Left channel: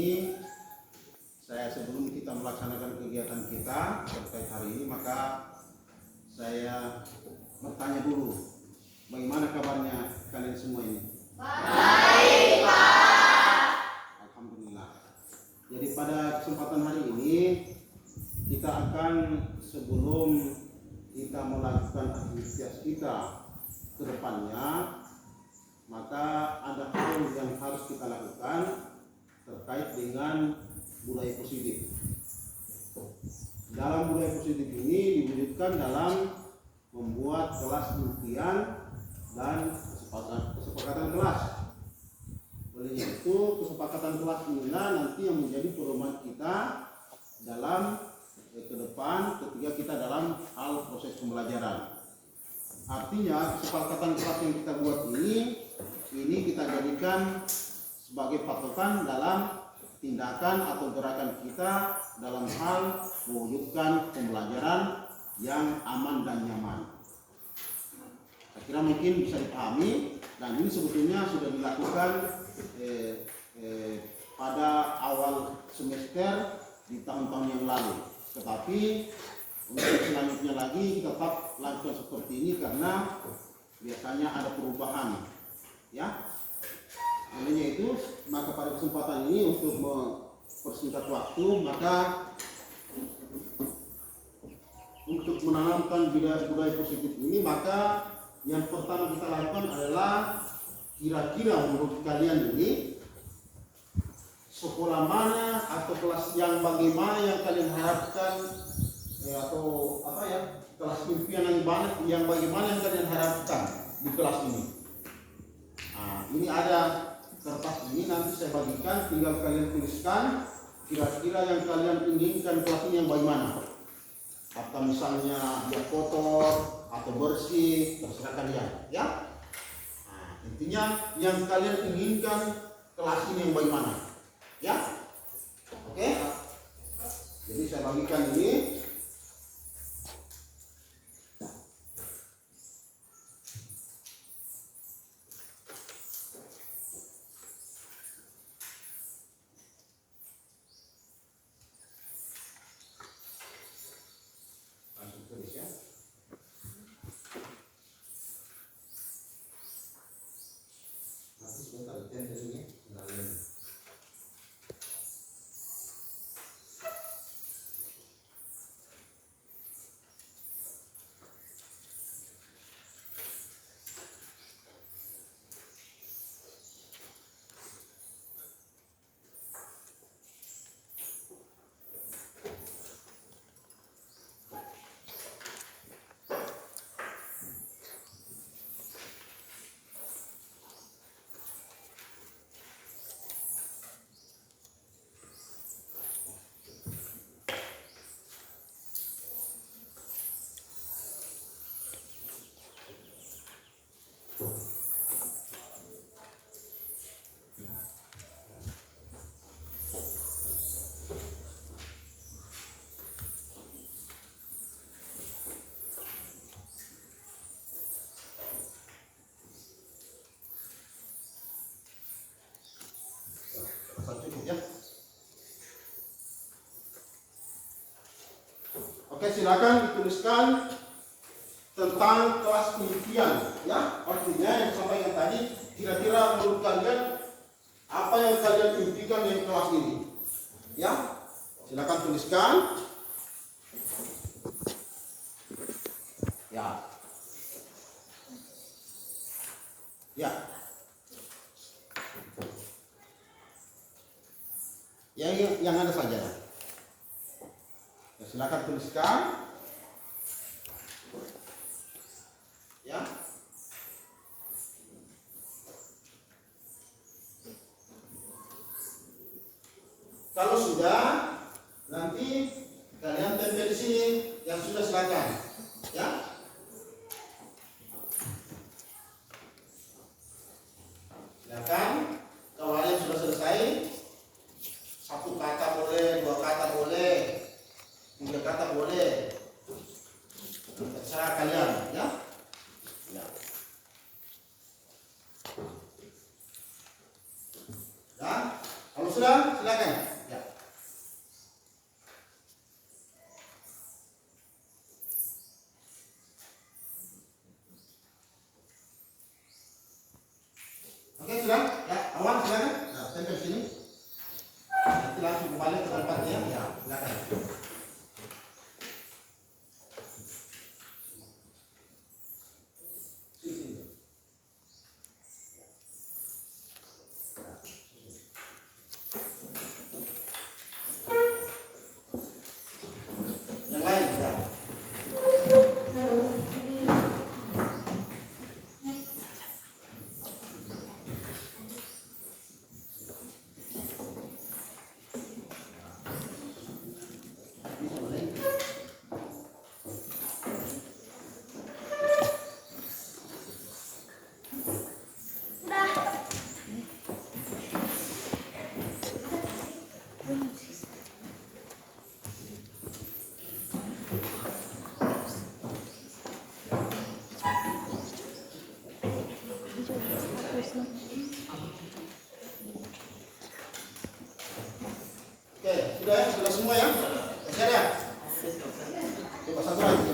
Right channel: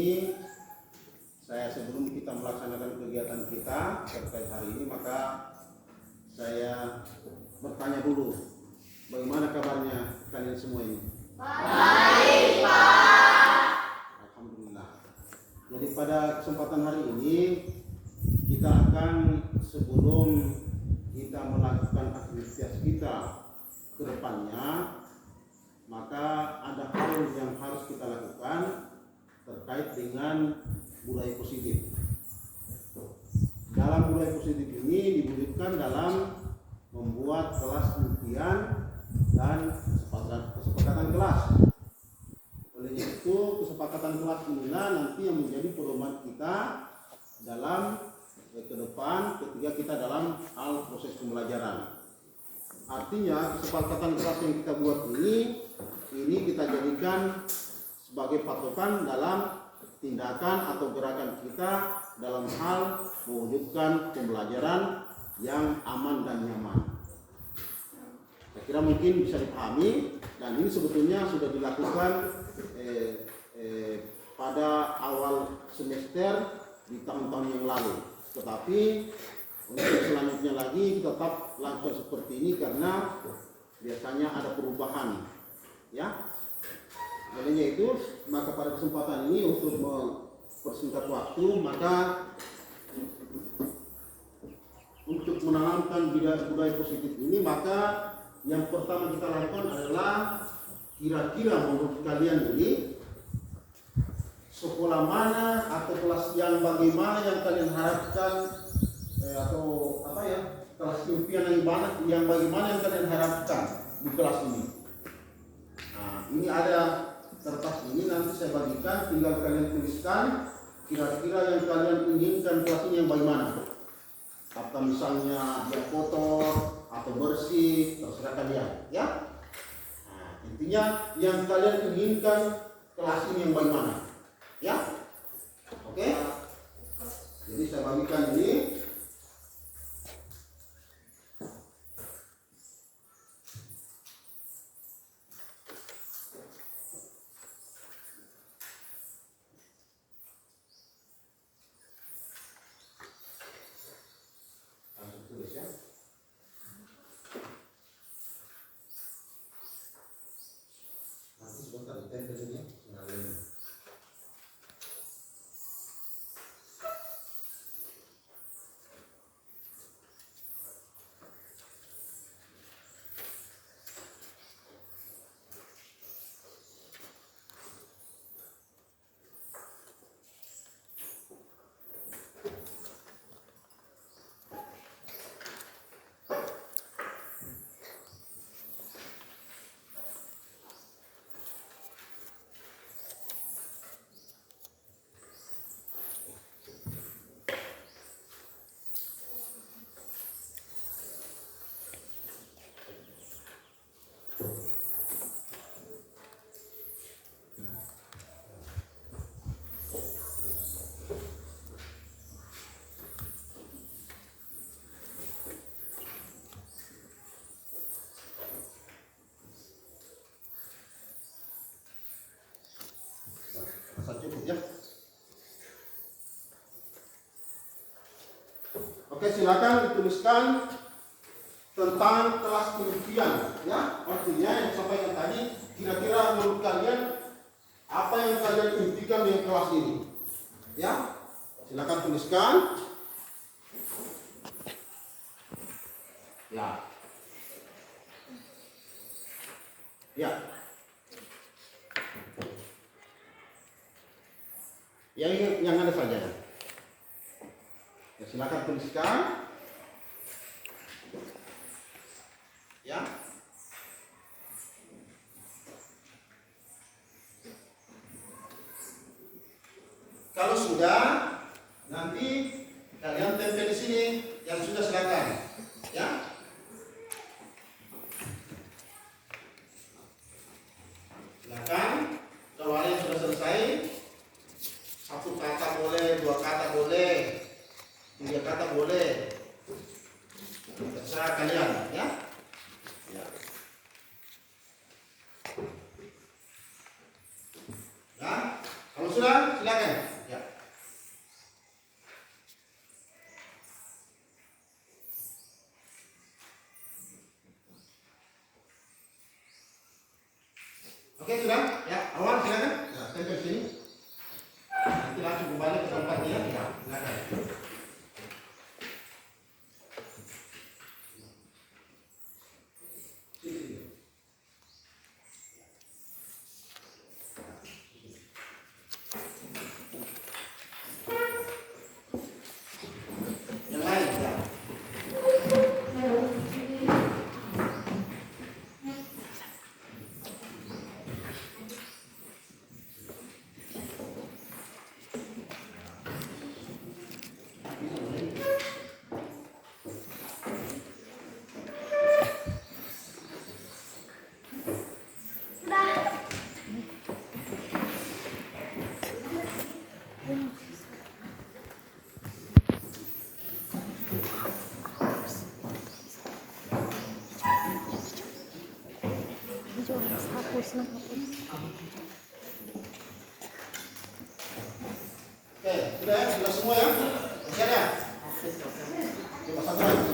ini sebelum kita melaksanakan kegiatan kita terkait hari ini, maka saya bertanya dulu, bagaimana kabarnya kalian semua ini? Baik, Pak. Alhamdulillah. Jadi pada kesempatan hari ini kita akan, sebelum kita melakukan aktivitas kita ke depannya, maka ada hal yang harus kita lakukan terkait dengan budaya positif. Dalam budaya positif ini diwujudkan dalam membuat kelas impian dan kesepakatan kelas. Oleh itu, kesepakatan kelas inilah nanti yang menjadi pedoman kita dalam ke depan ketika kita dalam hal proses pembelajaran. Artinya kesepakatan kelas yang kita buat ini kita jadikan sebagai patokan dalam tindakan atau gerakan kita dalam hal mewujudkan pembelajaran yang aman dan nyaman. Saya kira mungkin bisa dipahami, dan ini sebetulnya sudah dilakukan pada awal semester di tahun-tahun yang lalu. Tetapi untuk selanjutnya lagi kita tetap lakukan seperti ini karena biasanya ada perubahan, ya. Olehnya itu, maka pada kesempatan ini untuk mempersingkat waktu, maka untuk menanamkan budaya positif ini, maka yang pertama kita lakukan adalah kira-kira menurut kalian ini sekolah mana atau kelas yang bagaimana yang kalian harapkan, atau apa ya, kelas impian yang bagaimana yang kalian harapkan di kelas ini. Nah, ini ada kertas ini, nanti saya bagikan, tinggal kalian tuliskan kira-kira yang kalian inginkan kelas ini yang bagaimana. Apakah misalnya dia kotor atau bersih, terserah kalian, ya. Nah, intinya yang kalian inginkan kelas ini yang bagaimana, ya. Oke. Jadi saya bagikan ini. Cukup, ya. Oke, silakan dituliskan tentang kelas impian, ya. Artinya yang sampaikan tadi, kira-kira menurut kalian apa yang kalian impikan dengan kelas ini, ya. Silakan tuliskan, ya. Ya. Yang ada saja. Ya, silakan tuliskan. Ya. Kalau sudah, nanti kalian tempel di sini. Yang sudah silakan. Ya. Silakan. Kalau ada yang sudah selesai, 1 kata boleh, 2 kata boleh, 3 kata boleh, terserah kalian, ya. Ya. Ya. Kalau sudah, silakan. silakan. Ya. Oke, sudah? Ya, awal silakan. Nah, tempel sini. Nanti langsung kembali ke tempatnya. Ya, silakan. Yang lain, ya. Oke, sudah semua ya? Masih ada? Coba satu lagi.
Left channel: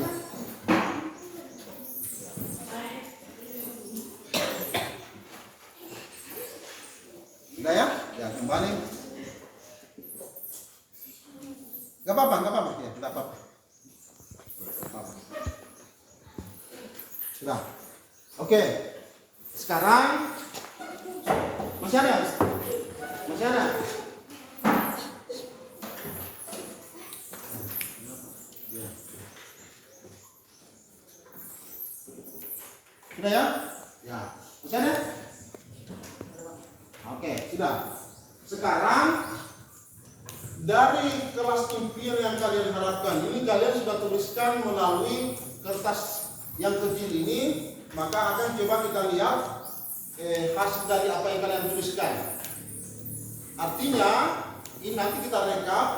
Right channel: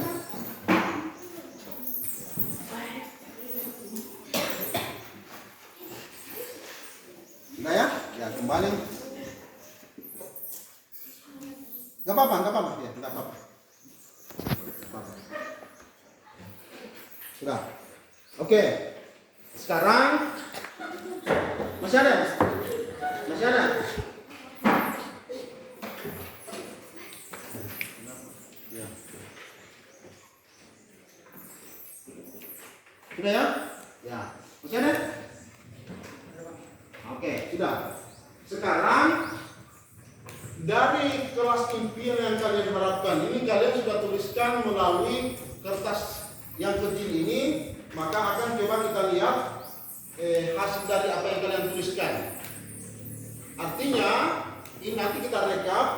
Sudah ya? Ya, kembali. Gak apa-apa ya, gak apa-apa. Sudah. Oke. Sekarang masih ada? Masih ada? Ya. Sudah ya? Ya. Masih ada? Oke, sudah. Sekarang dari kelas impian yang kalian harapkan ini kalian sudah tuliskan melalui kertas yang kecil ini, maka akan coba kita lihat hasil dari apa yang kalian tuliskan. Artinya ini nanti kita rekap,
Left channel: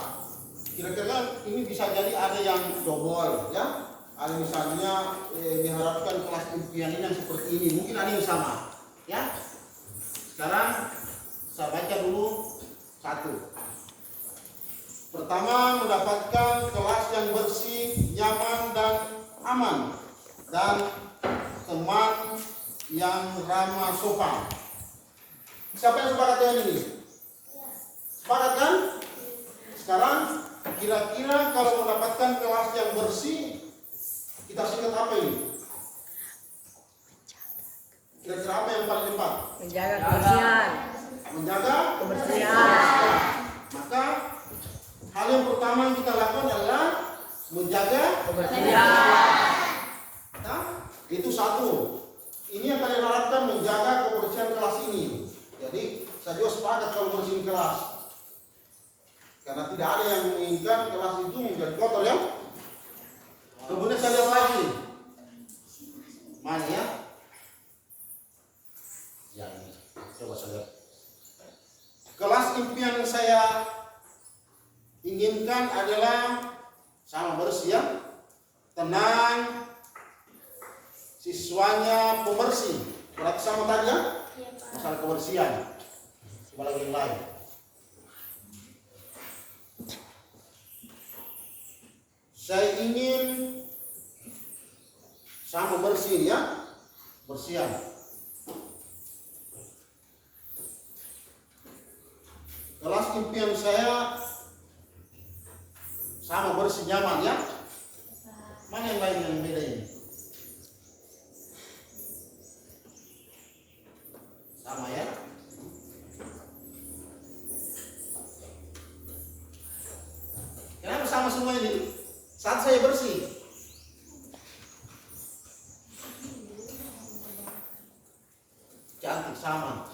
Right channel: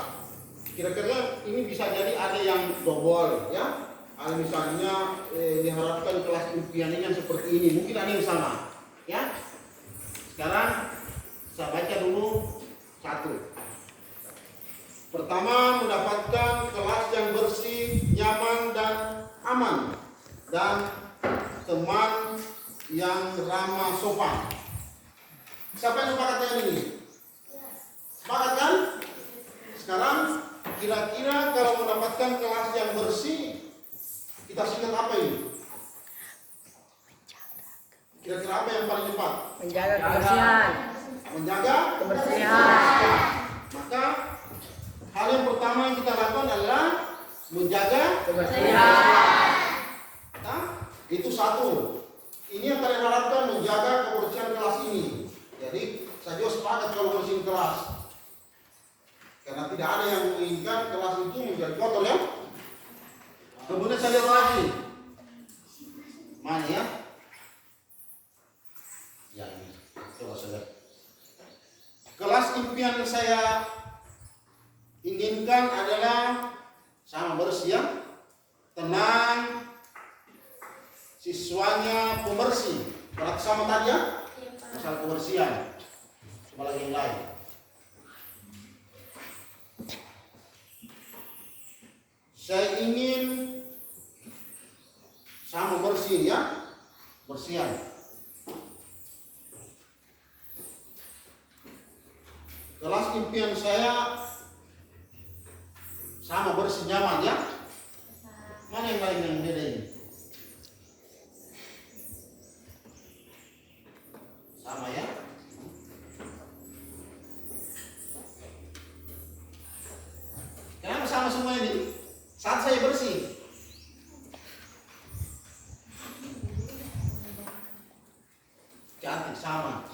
kira-kira ini bisa jadi ada yang double ya, ada misalnya diharapkan kelas impian ini yang seperti ini, mungkin ada yang sama ya. Sekarang saya baca dulu satu. Pertama, mendapatkan kelas yang bersih, nyaman dan aman, dan teman yang ramah sopan. Siapa yang sepakat dengan ini? Sepakat kan? Sekarang kira-kira kalau mendapatkan kelas yang bersih, kita singkat apa ini? Kira-kira apa yang paling tepat? Menjaga kebersihan. Menjaga Kebersihan. Maka hal yang pertama yang kita lakukan adalah menjaga Kebersihan. Nah, itu satu. Ini yang kalian harapkan, menjaga kebersihan kelas ini. Jadi saya juga sepakat kalau bersihin kelas, karena tidak ada yang menginginkan kelas itu menjadi kotor ya. Kemudian saya lihat lagi, mana ya? Ya ini, coba saya lihat. Kelas impian yang saya inginkan adalah sama bersih ya, tenang, siswanya pembersih. Berarti sama tadi ya, masalah kebersihan. Coba lagi yang lain. Saya ingin sama bersih ya, bersihan. Kelas impian saya sama bersih nyaman ya. Mana yang lain yang beda ini? Sama ya. Kenapa sama semua ini? Saat saya bersih. Cantik sama.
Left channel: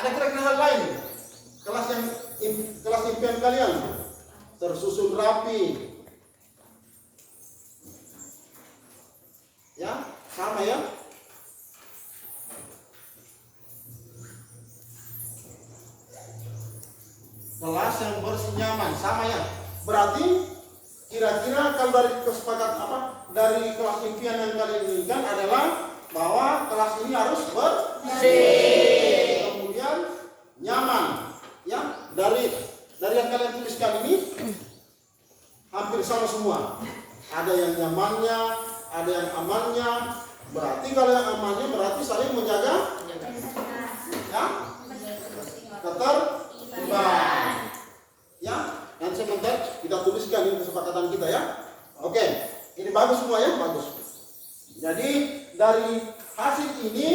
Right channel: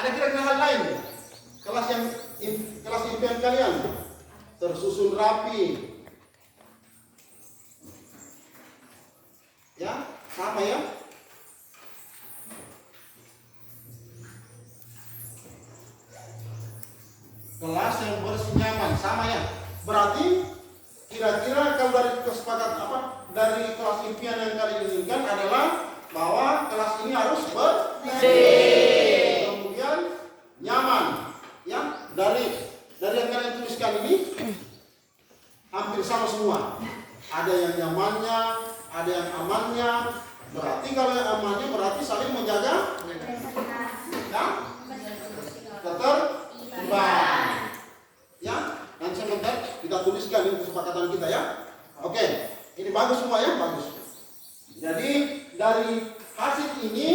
Ada kira-kira hal lain? Kelas impian kalian tersusun rapi. Ya, sama ya. Kelas yang bersih nyaman, sama ya. Berarti kira-kira kalau dari kesepakatan dari kelas impian yang kalian inginkan adalah bahwa kelas ini harus bersih. Kemudian nyaman. Ya, dari yang kalian tuliskan ini hampir sama semua. Ada yang nyamannya, ada yang amannya. Berarti kalau yang amannya berarti saling menjaga ya, ketertiban. Ya, nanti sebentar kita tuliskan ini kesepakatan kita ya. Oke, ini bagus semua ya, bagus. Jadi dari hasil ini,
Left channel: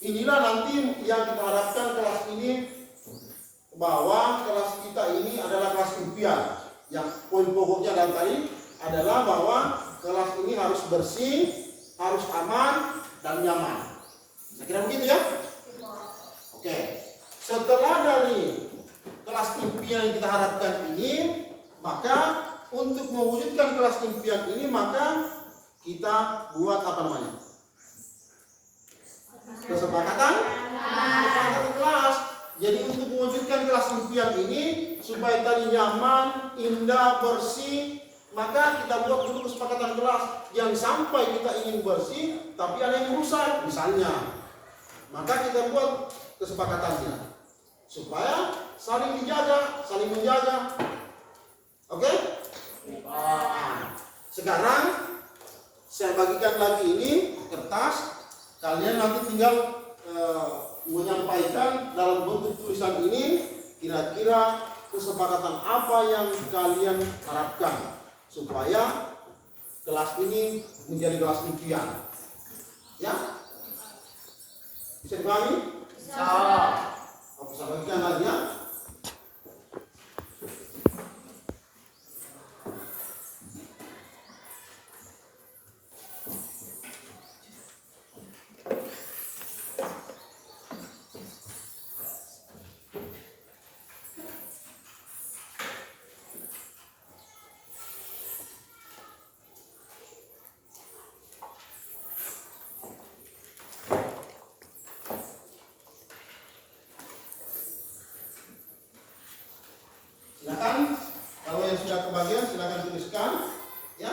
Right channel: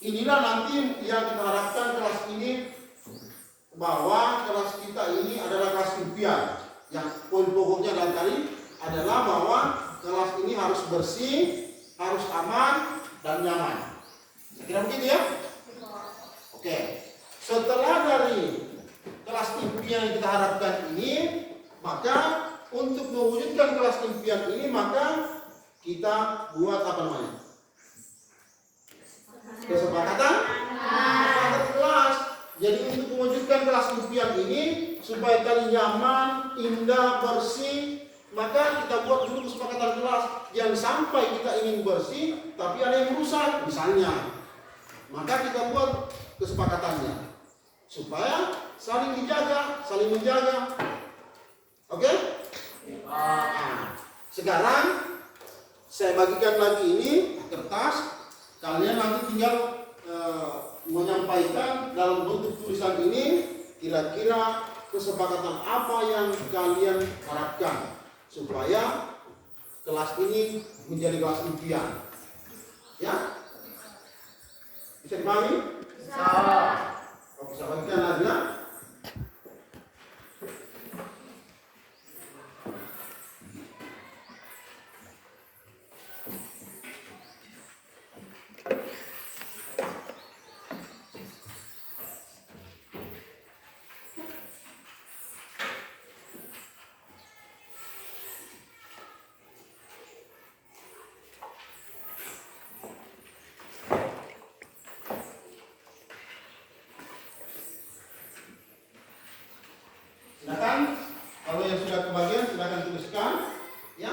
inilah nanti yang kita harapkan kelas ini, bahwa kelas kita ini adalah kelas impian. Yang poin pokoknya dan tadi adalah bahwa kelas ini harus bersih, harus aman dan nyaman. Saya kira begitu ya. Oke, setelah dari kelas impian yang kita harapkan ini, maka untuk mewujudkan kelas impian ini, maka kita buat apa namanya? Kesepakatan kelas. Jadi untuk mewujudkan kelas impian ini supaya tadi nyaman, indah, bersih, maka kita buat dulu kesepakatan kelas. Jangan sampai kita ingin bersih tapi ada yang rusak misalnya. Maka kita buat kesepakatannya supaya saling dijaga, saling menjaga. Oke? Nah, sekarang saya bagikan lagi ini kertas. Kalian nanti tinggal menyampaikan dalam bentuk tulisan ini kira-kira kesepakatan apa yang kalian harapkan supaya kelas ini menjadi kelas impian. Ya? Bisa dipahami? Bisa. Oke, saya bagikan lagi ya. Silakan, kalau yang sudah kebagian silakan tuliskan, ya.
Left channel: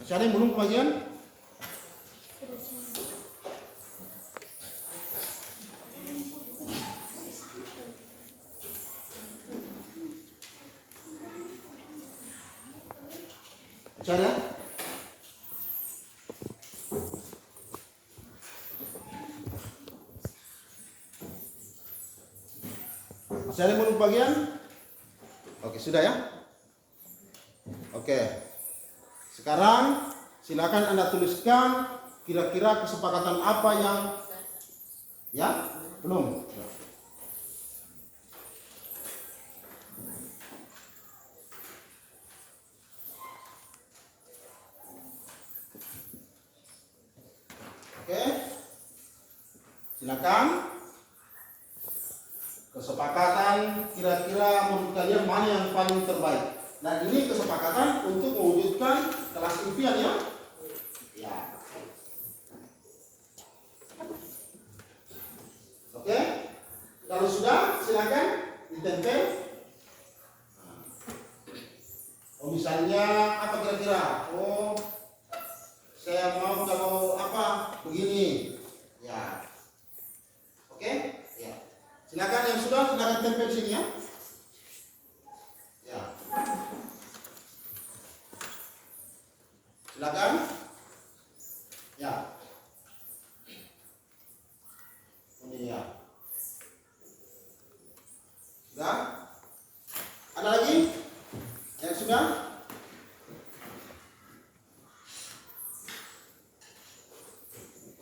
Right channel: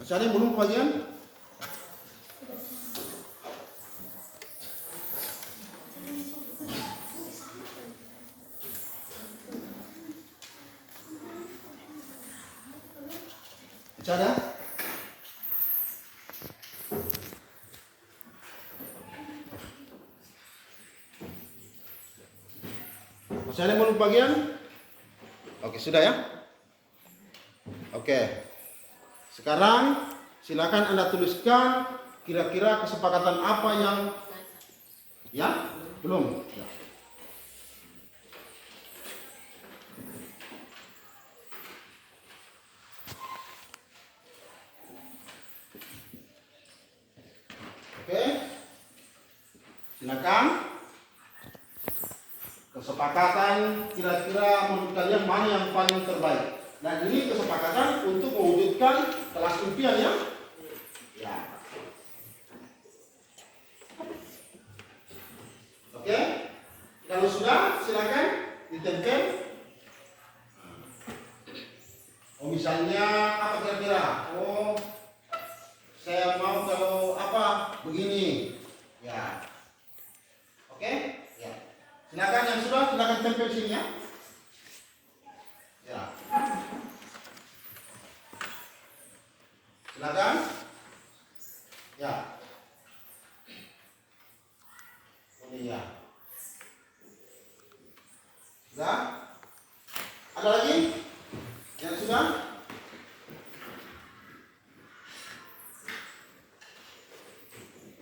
Masih ada yang belum kebagian? Masih ada? Masih ada yang belum kebagian? Oke, sudah ya? Oke. Sekarang silakan Anda tuliskan kira-kira kesepakatan apa yang ya belum. Oke, silakan kesepakatan kira-kira menurut kalian mana yang paling terbaik. Dan ini kesepakatan untuk mewujudkan kelas impian ya. Ya. Oke. Kalau sudah silakan ditempel. Oh misalnya apa kira-kira? Oh saya mau kalau apa begini. Ya. Oke. Ya. Silakan yang sudah silakan tempel sini ya. Ya. Silakan. Ya. Ini ya. Sudah? Ada lagi? Yang sudah?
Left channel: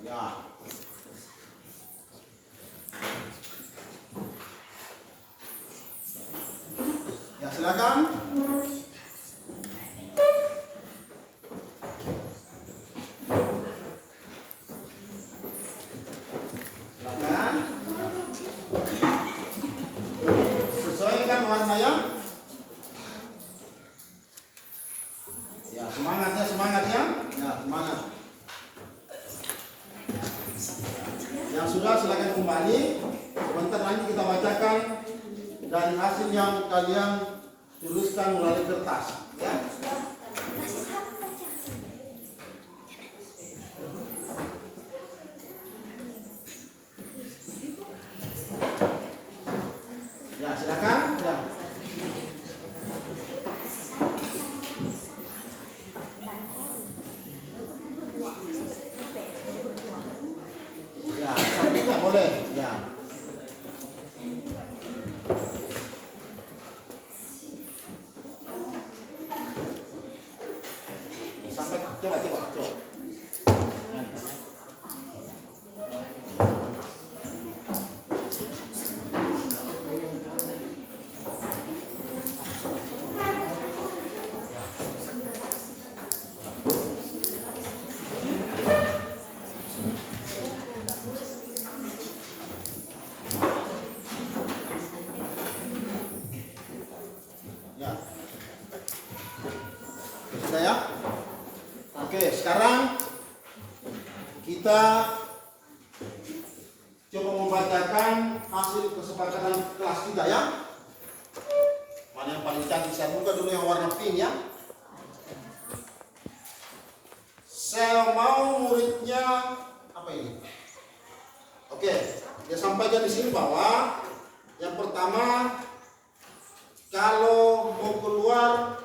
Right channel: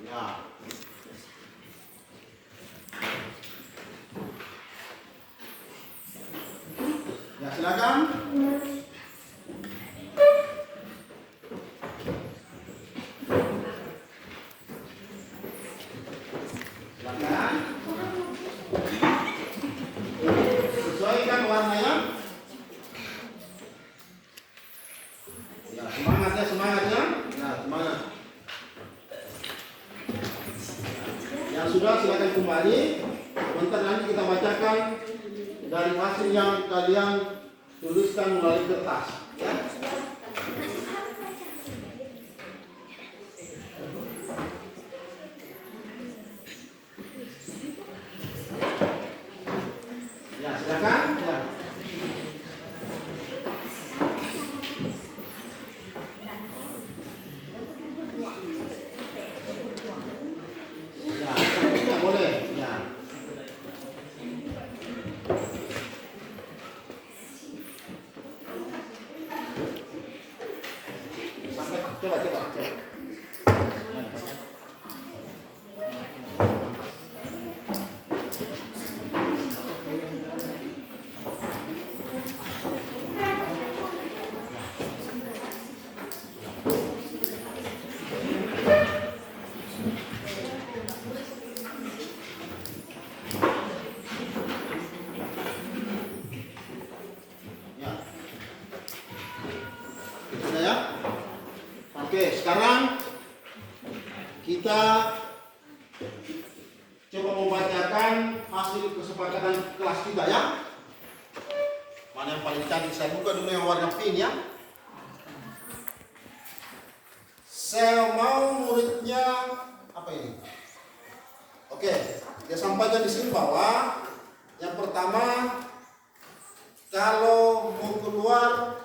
Ya. silakan. Silakan. Sesuaikan warnanya. Ya, semangatnya, semangatnya. Ya, semangat. Yang sudah silakan kembali. Sebentar nanti kita bacakan dari hasil yang kalian tuliskan melalui kertas. Ya. Ya, silakan. Ya. Ya, cantiknya boleh. Ya. Sampai coba. Ya. Sudah ya? Oke, sekarang kita coba membacakan hasil kesepakatan kelas kita ya. Mana yang paling cantik? Saya buka dulu yang warna pink ya. Saya mau muridnya apa ini? Oke, dia sampaikan di sini bahwa yang pertama, kalau mau keluar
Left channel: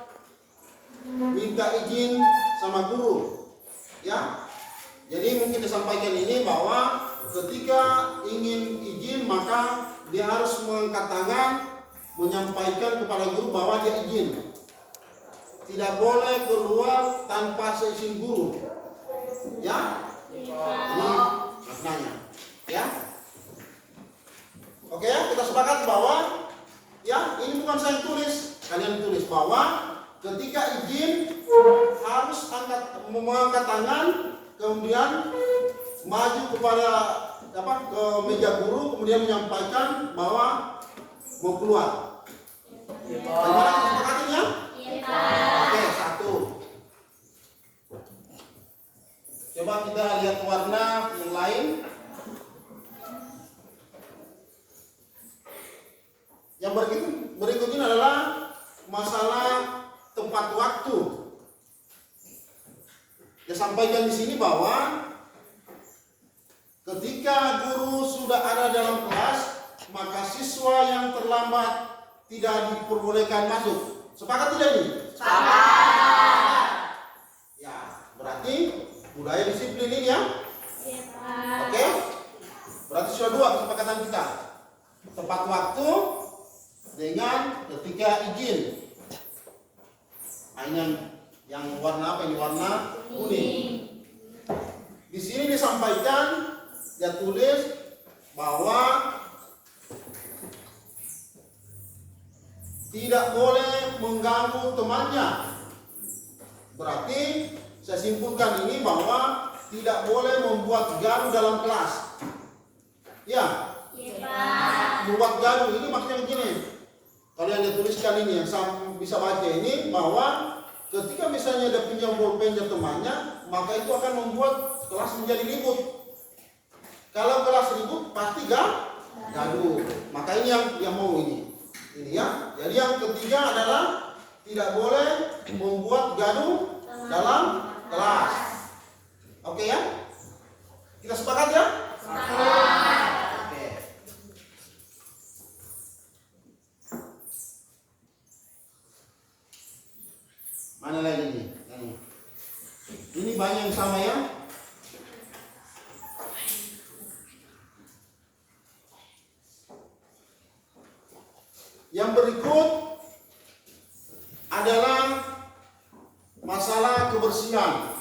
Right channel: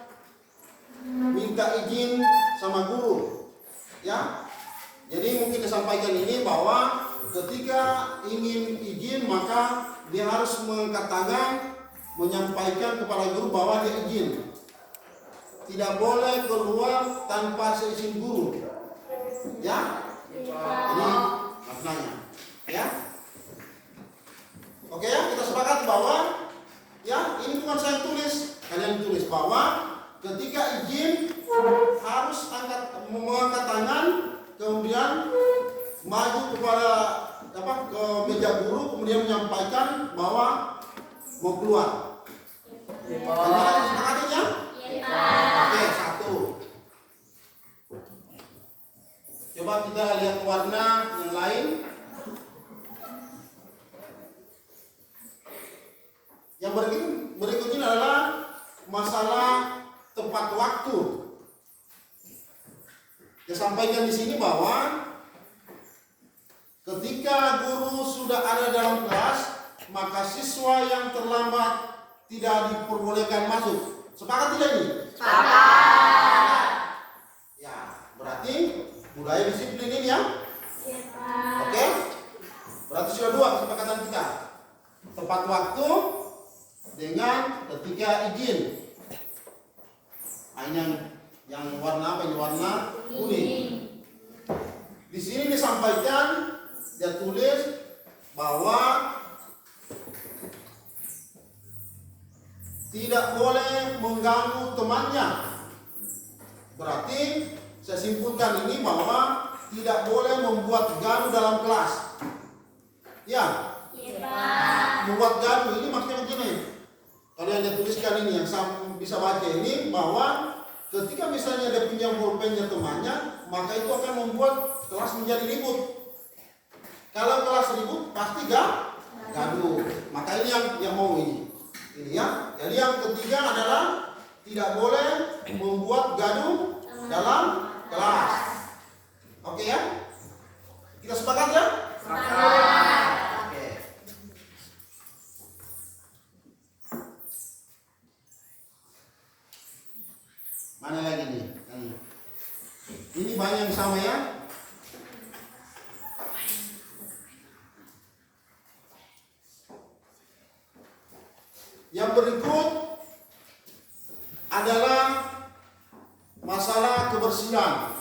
minta izin sama guru ya. Jadi mungkin disampaikan ini bahwa ketika ingin izin maka dia harus mengangkat tangan menyampaikan kepada guru bahwa dia izin. Tidak boleh keluar tanpa seizin guru ya. Ini maknanya ya. Oke ya, kita sepakat bahwa ya, ini bukan saya tulis, kalian tulis bahwa ketika izin harus mengangkat tangan, kemudian maju kepada ke meja guru, kemudian menyampaikan bahwa mau keluar. Gimana kesepakatannya? Oke, satu. Coba kita lihat warna yang lain. Yang berikutnya adalah masalah tempat waktu. Dia sampaikan di sini bahwa ketika guru sudah ada dalam kelas, maka siswa yang terlambat tidak diperbolehkan masuk. Sepakat tidak ini? Sepakat. Ya, berarti budaya disiplin ini ya? Oke? Berarti sudah dua kesepakatan kita. Tempat waktu dengan ketika izin. Ini yang warna apa ini? Warna kuning. Di sini disampaikan, dia tulis bahwa tidak boleh mengganggu temannya. Berarti saya simpulkan ini bahwa tidak boleh membuat gaduh dalam kelas. Ya. Membuat gaduh ini maksudnya begini. Kalau yang dia tuliskan ini yang saya bisa baca ini bahwa ketika misalnya dia pinjam pulpennya temannya, maka itu akan membuat kelas menjadi ribut. Kalau kelas ribut pasti gaduh. Maka ini yang mau ini ya. Jadi yang ketiga adalah tidak boleh membuat gaduh dalam kelas. Oke ya? Kita sepakat ya? Sepakat. Oke. Mana lagi nih? Ini banyak yang sama ya. Yang berikut adalah masalah kebersihan.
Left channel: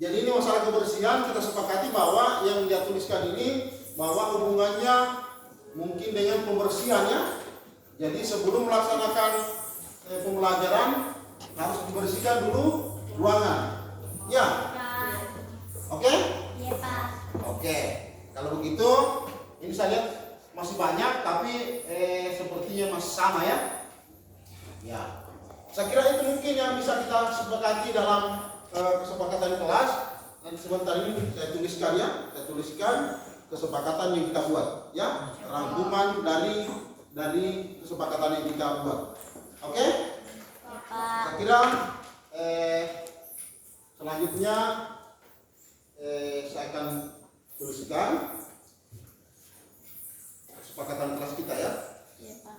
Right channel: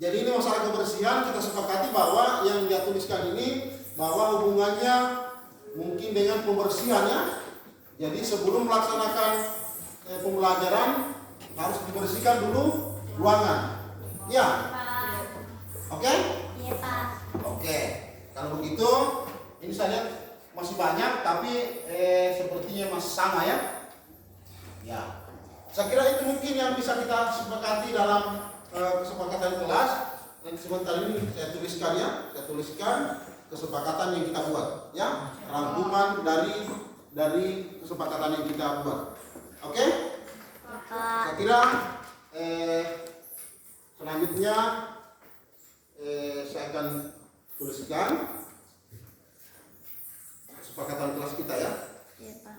Jadi ini masalah kebersihan, kita sepakati bahwa yang dia tuliskan ini bahwa hubungannya mungkin dengan pembersihan ya. Jadi sebelum melaksanakan pembelajaran harus dibersihkan dulu ruangan. Ya, oke? Iya, Pak. Oke. Kalau begitu, ini saya lihat masih banyak, tapi sepertinya masih sama ya. Ya, saya kira itu mungkin yang bisa kita sepakati dalam kesepakatan kelas. Dan sebentar ini saya tuliskan ya, saya tuliskan kesepakatan yang kita buat, ya, rangkuman dari kesepakatan yang kita buat. Oke? Pak. Saya kira selanjutnya saya akan tuliskan kesepakatan kelas kita ya. Iya, Pak.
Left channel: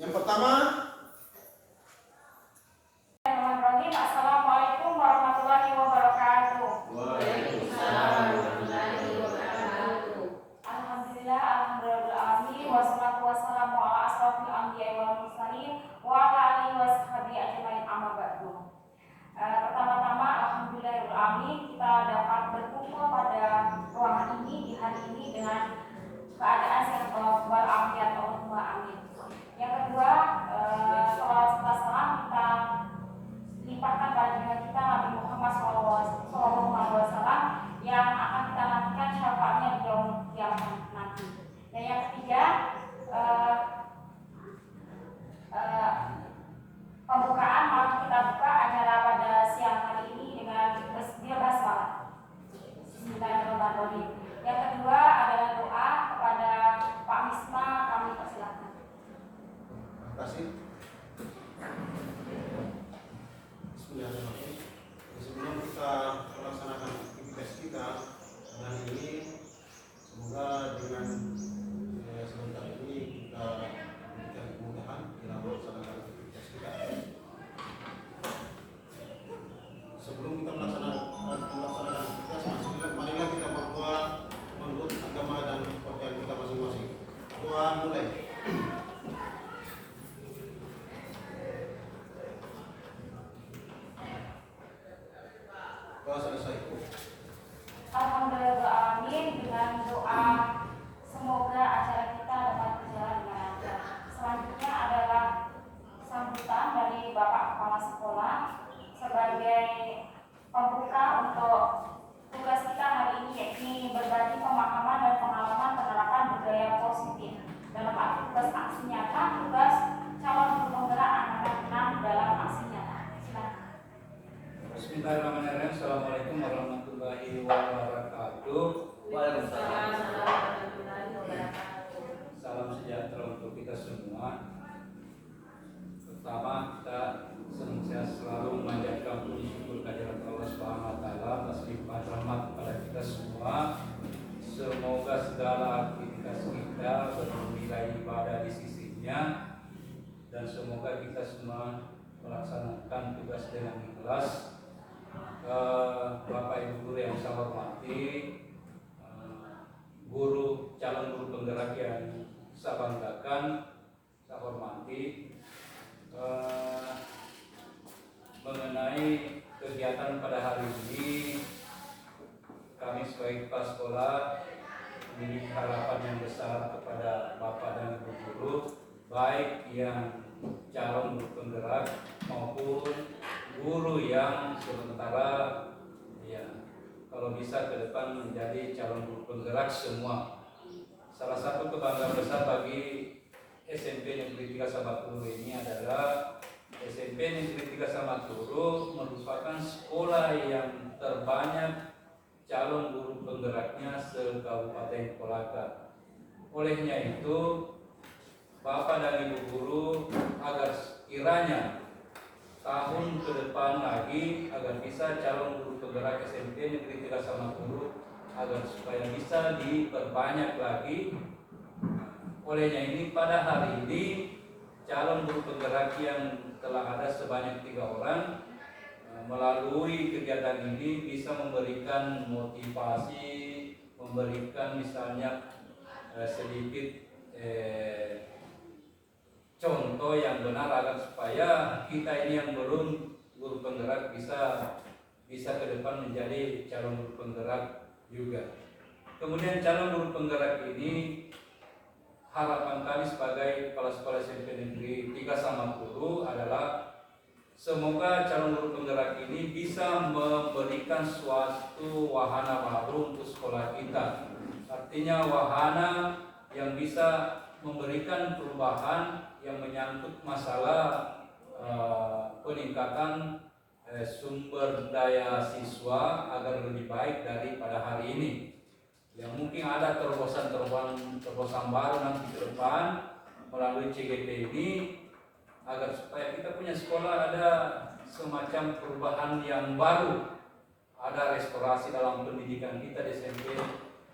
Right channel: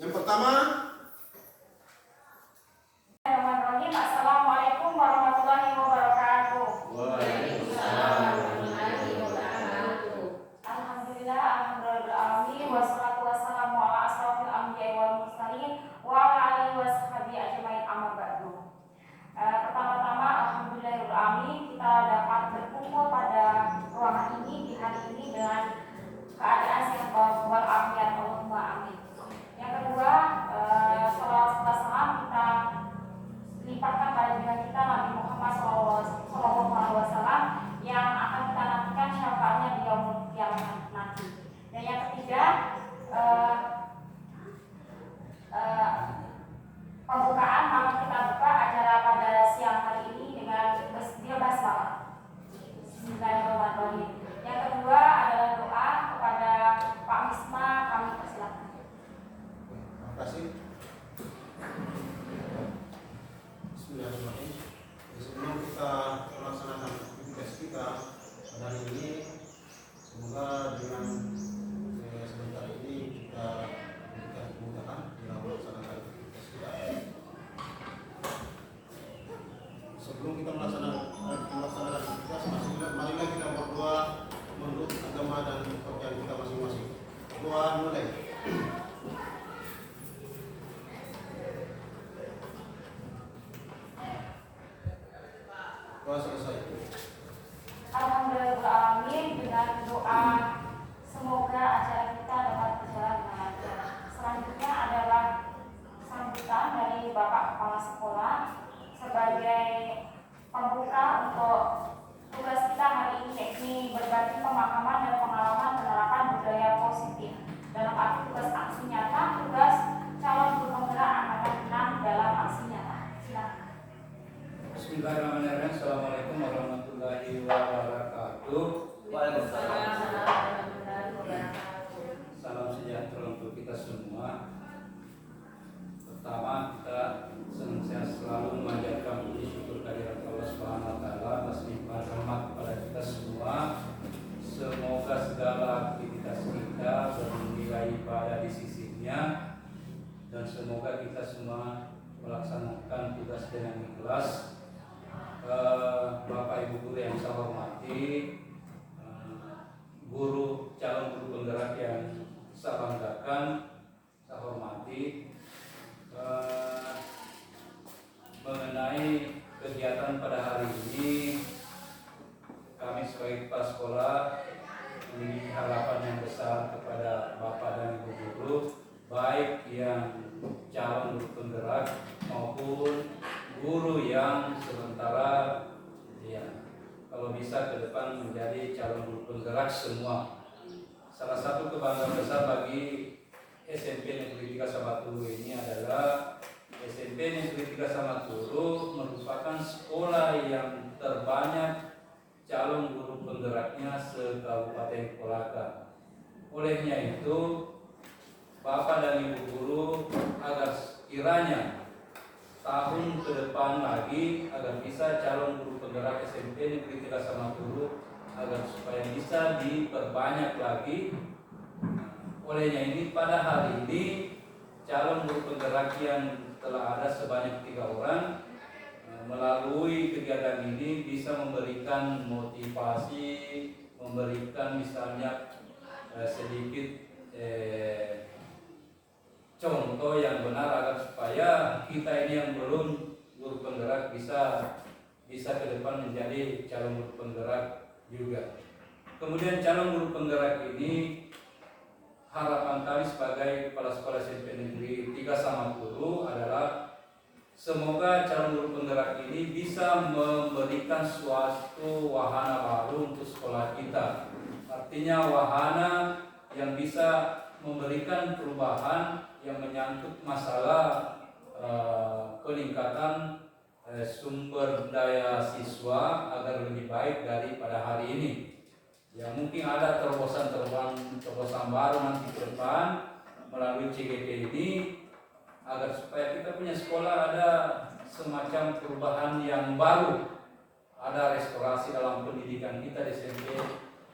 Yang pertama, Bismillahirrahmanirrahim. Assalamualaikum warahmatullahi wabarakatuh. Alhamdulillah, alhamdulillahirrahmanirrahim. Wassalatu wassalamu ala asrofil anbiya'i wal mursalin wa ala alihi washabihi ajmain, amma ba'du. Pertama-tama alhamdulillahirrahmanirrahim, kita dapat berkumpul pada ruangan ini di hari ini dengan keadaan sehat walafiat, Allahumma amin. Yang kedua, salawat serta salam kita limpahkan pada junjungan kita Nabi Muhammad SAW yang akan kita nantikan syafaatnya di yaumul qiyamah nanti. Dan yang ketiga, pembukaan malam kita buka acara pada siang hari ini dengan basmalah. Bismillahirrahmanirrahim. Yang kedua adalah doa kepada Pak Misma, kami persilahkan. terima kasih. Bismillahirrahmanirrahim. Sebelum kita melaksanakan aktivitas kita hari ini, semoga dengan sebentar ini kita memberikan kemudahan dalam melaksanakan aktivitas kita. Sebelum kita melaksanakan aktivitas, marilah kita berdoa menurut agama dan kepercayaan kita masing-masing. Doa mulai. Doa selesai. Alhamdulillahirrahmanirrahim, dengan doa semoga acara kita dapat berjalan dengan lancar. Selanjutnya adalah sambutan dari Bapak Kepala Sekolah sebagai pembuka untuk tugas kita hari ini, yakni berbagi pemahaman dan pengalaman penerapan budaya positif dalam arti tugas aksi nyata, tugas calon guru penggerak anak-anak dalam aksi nyata. Silakan. Bismillahirrahmanirrahim. Assalamualaikum warahmatullahi wabarakatuh. Waalaikumsalam warahmatullahi wabarakatuh. Salam sejahtera untuk kita semua. Pertama, kita senantiasa selalu memanjatkan puji syukur kehadirat Allah Subhanahu wa taala atas limpahan rahmat kepada kita semua. Semoga segala aktivitas kita bernilai ibadah di sisinya, dan semoga kita semua melaksanakan tugas dengan ikhlas. Bapak Ibu guru yang saya hormati, calon guru penggerak yang saya banggakan, saya hormati, mengenai kegiatan pada hari ini, kami sebagai kepala sekolah memiliki harapan yang besar kepada Bapak dan Ibu guru, baik yang calon guru penggerak maupun guru yang sementara ya kalau bisa ke depan menjadi calon guru penggerak semua. Salah satu kebanggaan besar bagi SMP Negeri 3 Samaturu ini adalah SMP Negeri 3 Samaturu merupakan sekolah yang terbanyak calon guru penggeraknya se-Kabupaten Kolaka. Olehnya itu, Bapak dan Ibu guru agar kiranya tahun ke depan lagi agar bisa calon guru penggerak SMP Negeri 3 Samaturu agar supaya bisa diperbanyak lagi. Olehnya ini pada hari ini calon guru penggerak yang telah ada sebanyak 3 orang melalui kegiatan ini bisa memberikan motivasi, memberikan misalnya sedikit contoh yang benar agar supaya kita ini yang belum guru penggerak bisa ke depan menjadi calon guru penggerak juga. Kemudian calon guru penggerak ini harapan kami sebagai kepala sekolah SMP Negeri 3 Samaturu adalah semoga calon guru penggerak ini bisa memberikan suatu wahana baru untuk sekolah kita. Artinya wahana yang bisa memberikan perubahan yang menyangkut masalah peningkatan sumber daya siswa agar lebih baik daripada hari ini. Ya mungkin ada terobosan baru nanti ke depan melalui CGP ini agar supaya kita punya sekolah ada semacam perubahan yang baru, ada restorasi dalam pendidikan kita di SMP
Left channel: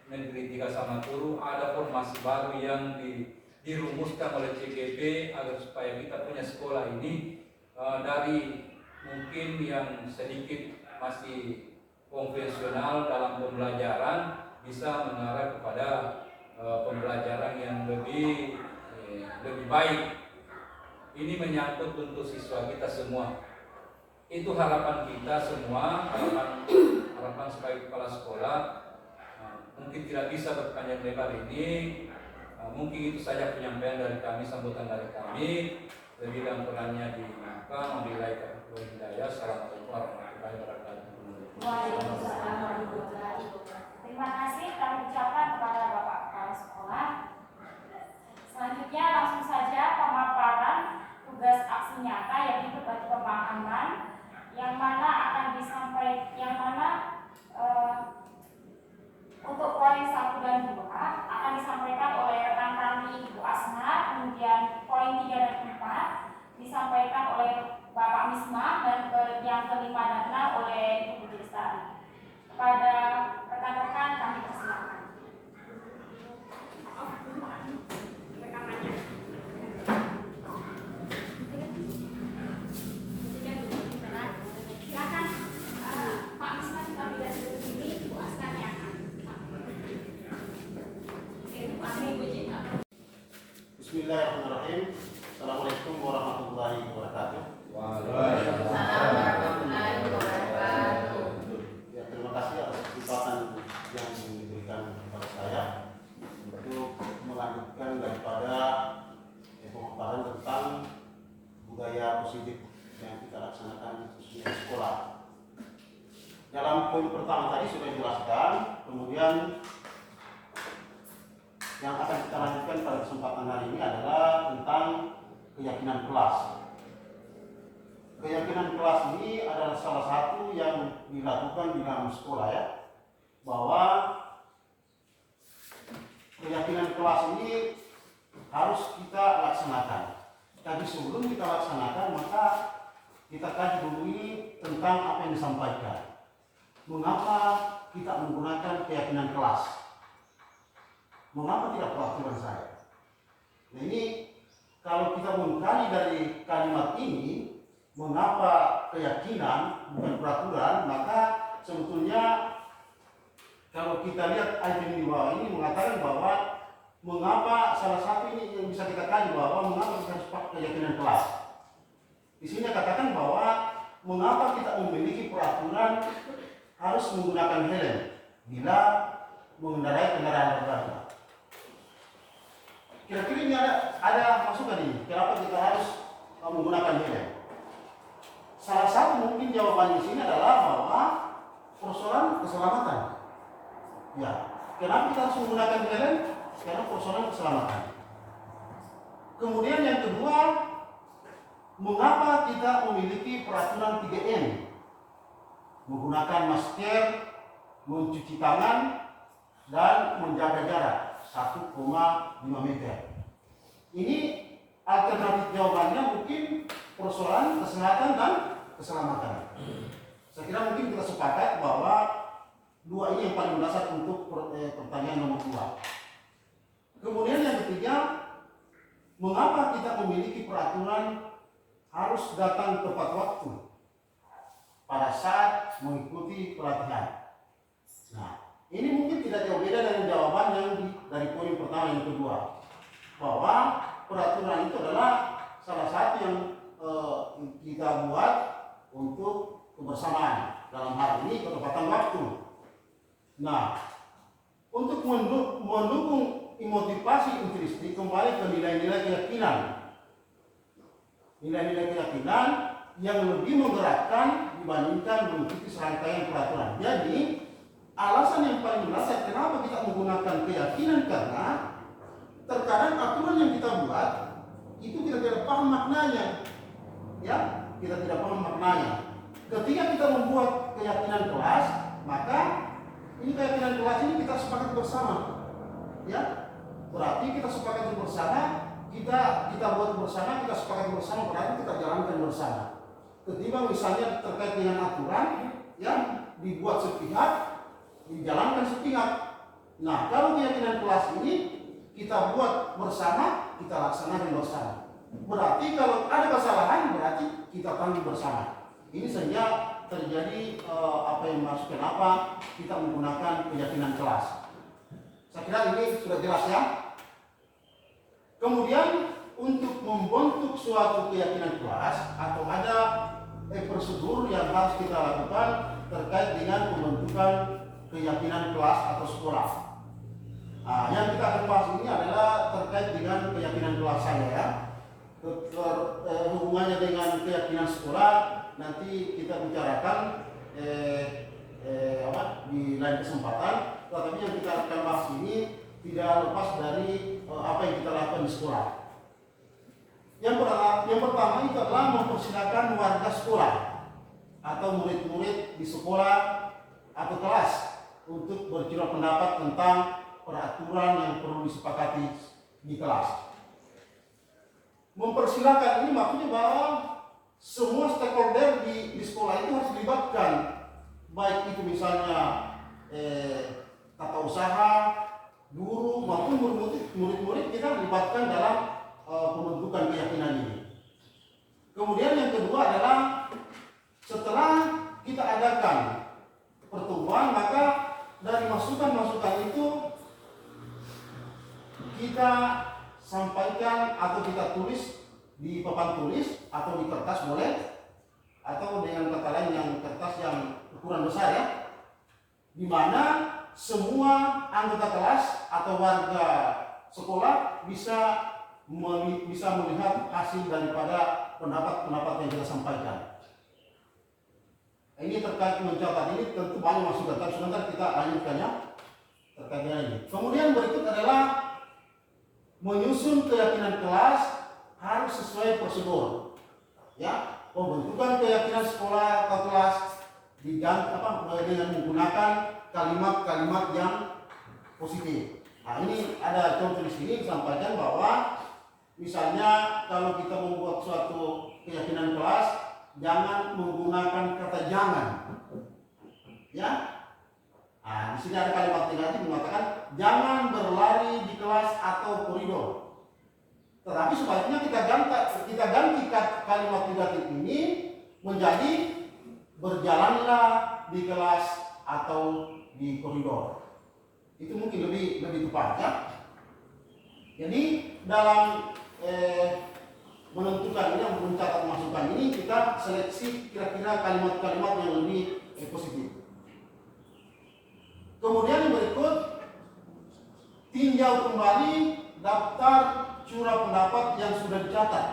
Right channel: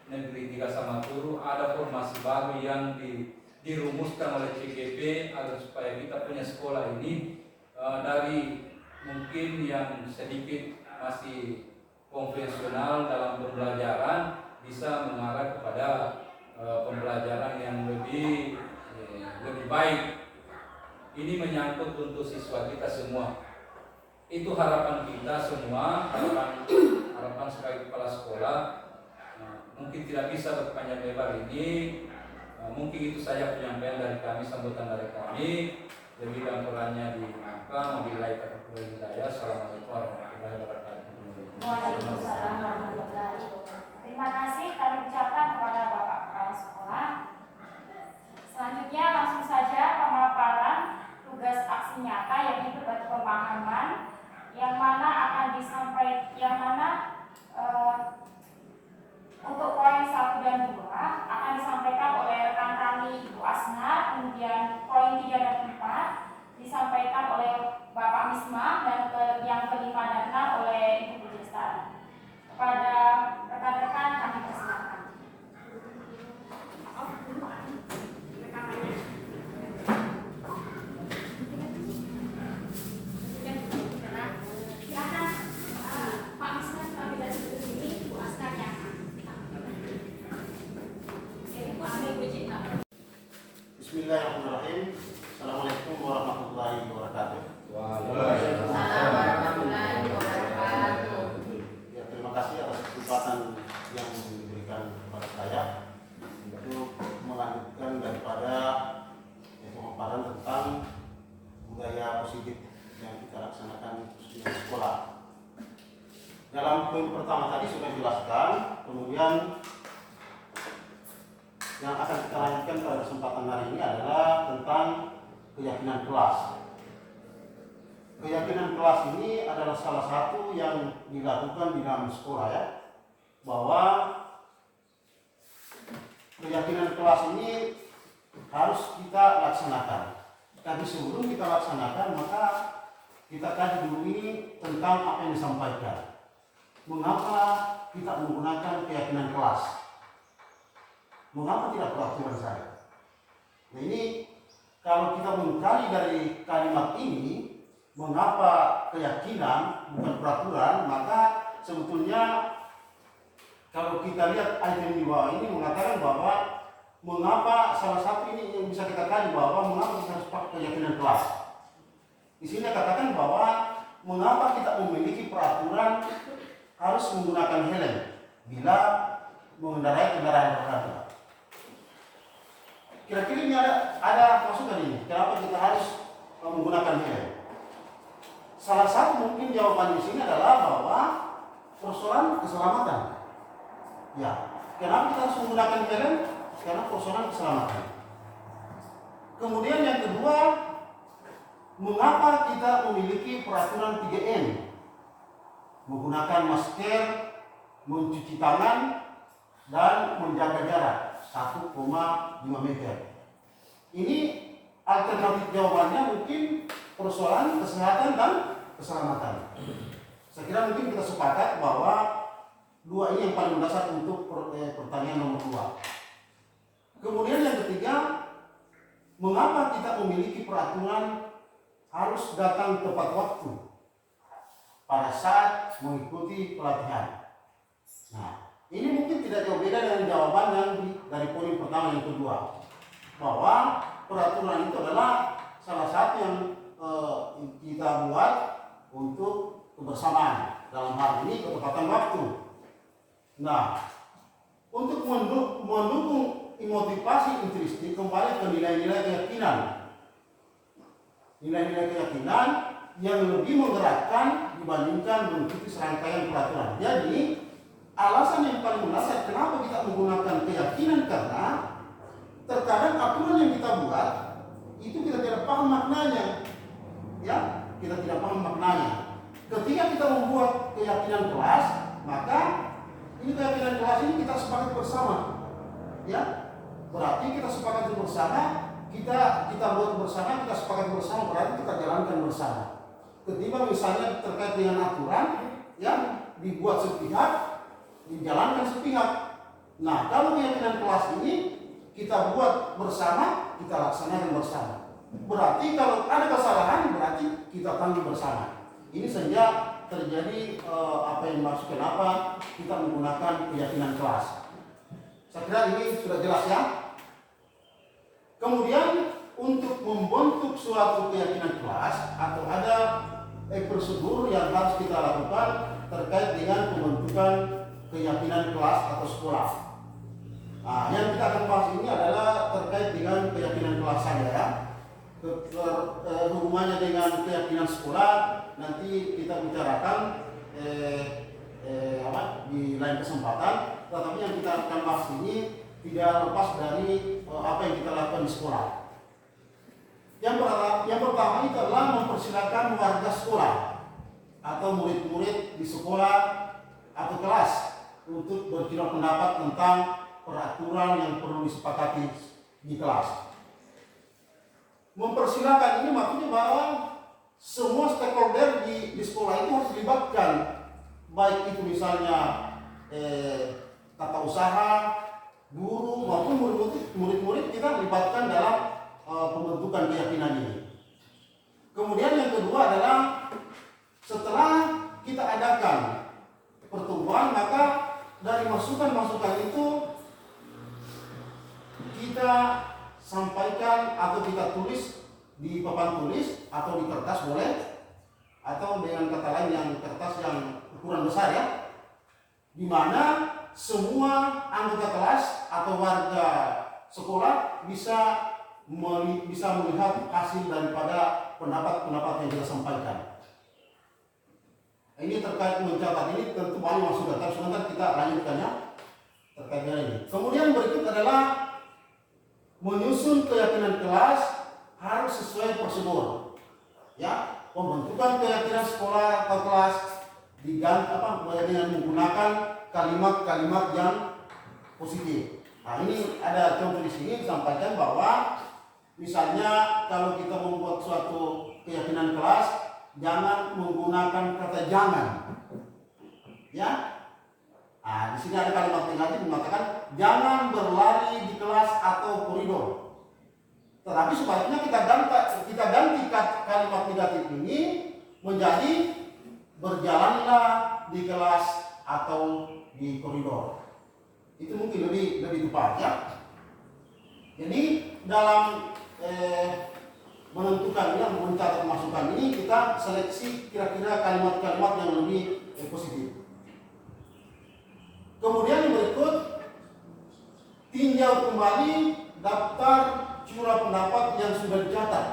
Negeri 3 Samaturu, ada formasi baru yang dirumuskan oleh CGP agar supaya kita punya sekolah ini dari mungkin yang sedikit masih konvensional dalam pembelajaran bisa mengarah kepada pembelajaran yang lebih baik. Ini menyangkut untuk siswa kita semua. Itu harapan kita semua, harapan sebagai kepala sekolah. Mungkin tidak bisa berpanjang lebar ini. Mungkin itu saja penyampaian dari kami, sambutan dari kami. Lebih dan kurangnya dimaafkan. Wabillahi taufiq wal hidayah. Assalamualaikum warahmatullahi wabarakatuh. Waalaikumsalam warahmatullahi wabarakatuh. Terima kasih kami ucapkan kepada Bapak Kepala Sekolah. Selanjutnya langsung saja pemaparan tugas aksi nyata yaitu bagi pemahaman yang mana akan disampaikan, untuk poin 1 dan 2 akan disampaikan oleh rekan kami Ibu Asna, kemudian poin 3 dan 4 disampaikan oleh Bapak Misma, dan yang kelima dan 6 oleh Ibu Budi Lestari. Kepada rekan-rekan kami persilakan. Bismillahirrahmanirrahim. Assalamualaikum warahmatullahi wabarakatuh. Waalaikumsalam warahmatullahi wabarakatuh. Ya, terima kasih atas kesempatan yang diberikan kepada saya untuk melanjutkan daripada pemaparan tentang budaya positif yang kita laksanakan khususnya di sekolah. Dalam poin pertama tadi sudah dijelaskan, kemudian yang akan kita lanjutkan pada kesempatan hari ini adalah tentang keyakinan kelas. Keyakinan kelas ini adalah salah satu yang dilakukan di dalam sekolah, ya, bahwa keyakinan kelas ini harus kita laksanakan. Tapi sebelum kita laksanakan, maka kita kaji dulu ini tentang apa yang disampaikan. Mengapa kita menggunakan keyakinan kelas? Mengapa tidak peraturan saya? Nah, ini kalau kita mengkaji dari kalimat ini, mengapa keyakinan bukan peraturan, maka sebetulnya kalau kita lihat item di bawah ini mengatakan bahwa mengapa salah satu ini yang bisa kita kaji bahwa mengapa kita harus pakai keyakinan kelas. Di sini katakan bahwa mengapa kita memiliki peraturan harus menggunakan helm bila mengendarai kendaraan roda. Kira-kira ini ada masukan ini. Kenapa kita harus menggunakan helm? Salah satu mungkin jawaban di sini adalah bahwa persoalan keselamatan. Ya, kenapa kita harus menggunakan helm? Karena persoalan keselamatan. Kemudian yang kedua, mengapa kita memiliki peraturan 3M? Menggunakan masker, mencuci tangan, dan menjaga jarak 1,5 meter. Ini alternatif jawabannya mungkin persoalan kesehatan dan keselamatan. Saya kira mungkin kita sepakat bahwa dua ini yang paling mendasar untuk pertanyaan nomor 2. Kemudian yang ketiga, mengapa kita memiliki peraturan harus datang tepat waktu pada saat mengikuti pelatihan? Nah, ini mungkin tidak jauh beda dengan jawaban yang dari poin pertama yang kedua, bahwa peraturan itu adalah salah satu yang kita buat untuk kebersamaan, dalam hal ini ketepatan waktu. Nah, untuk mendukung motivasi intrinsik kembali ke nilai-nilai keyakinan. Nilai-nilai keyakinan yang lebih menggerakkan dibandingkan mengikuti serangkaian peraturan. Jadi, alasan yang paling mendasar kenapa kita menggunakan keyakinan, karena terkadang aturan yang kita buat itu kita tidak paham maknanya. Ya, kita tidak paham maknanya. Ketika kita membuat keyakinan kelas, maka ini keyakinan kelas ini kita sepakat bersama. Ya, berarti kita sepakat bersama, kita buat bersama, kita sepakat bersama, berarti kita jalankan bersama. Ketimbang misalnya terkait dengan aturan yang dibuat sepihak, dijalankan sepihak. Nah, kalau keyakinan kelas ini kita buat bersama, kita laksanakan bersama. Berarti kalau ada kesalahan, berarti kita tanggung bersama. Ini saja terjadi apa yang dimaksud kenapa kita menggunakan keyakinan kelas. Saya kira ini sudah jelas ya. Kemudian untuk membentuk suatu keyakinan kelas atau ada prosedur yang harus kita lakukan terkait dengan pembentukan keyakinan kelas atau sekolah. Nah, yang kita akan bahas ini adalah terkait dengan keyakinan kelas saja ya. Hubungannya dengan keyakinan sekolah nanti kita bicarakan di lain kesempatan. Tetapi yang kita akan bahas ini tidak lepas dari apa yang kita lakukan di sekolah. Yang pertama itu adalah mempersilakan warga sekolah atau murid-murid di sekolah atau kelas untuk berkira pendapat tentang peraturan yang perlu disepakati di kelas. Mempersilakan ini maksudnya bahwa semua stakeholder di sekolah itu harus dilibatkan, baik itu misalnya tata usaha, guru maupun murid-murid kita libatkan dalam pembentukan keyakinan ini. Kemudian yang kedua adalah setelah kita adakan pertemuan, maka dari masukan-masukan itu kita sampaikan atau kita tulis di papan tulis atau di kertas boleh, atau dengan kata lain yang kertas yang ukuran besar ya, di mana semua anggota kelas atau warga sekolah bisa melihat hasil daripada pendapat-pendapat yang kita sampaikan. Ini terkait mencatat ini tentu banyak masukan, tapi sebentar kita lanjutkan ya terkait dengan ini. Kemudian berikut adalah menyusun keyakinan kelas harus sesuai prosedur. Ya, pembentukan keyakinan sekolah atau kelas dengan menggunakan kalimat-kalimat yang positif. Nah, ini ada contoh di sini disampaikan bahwa misalnya kalau kita membuat suatu keyakinan kelas, jangan menggunakan kata jangan. Ya. Nah, di sini ada kalimat negatif mengatakan jangan berlari di kelas atau koridor. Tetapi sebaliknya kita ganti kalimat negatif ini menjadi berjalanlah di kelas atau di koridor. Itu mungkin lebih tepat ya. Jadi dalam menentukan ini, mencatat masukan ini, kita seleksi kira-kira kalimat-kalimat yang lebih positif. Kemudian yang berikut, tinjau kembali daftar curah pendapat yang sudah dicatat.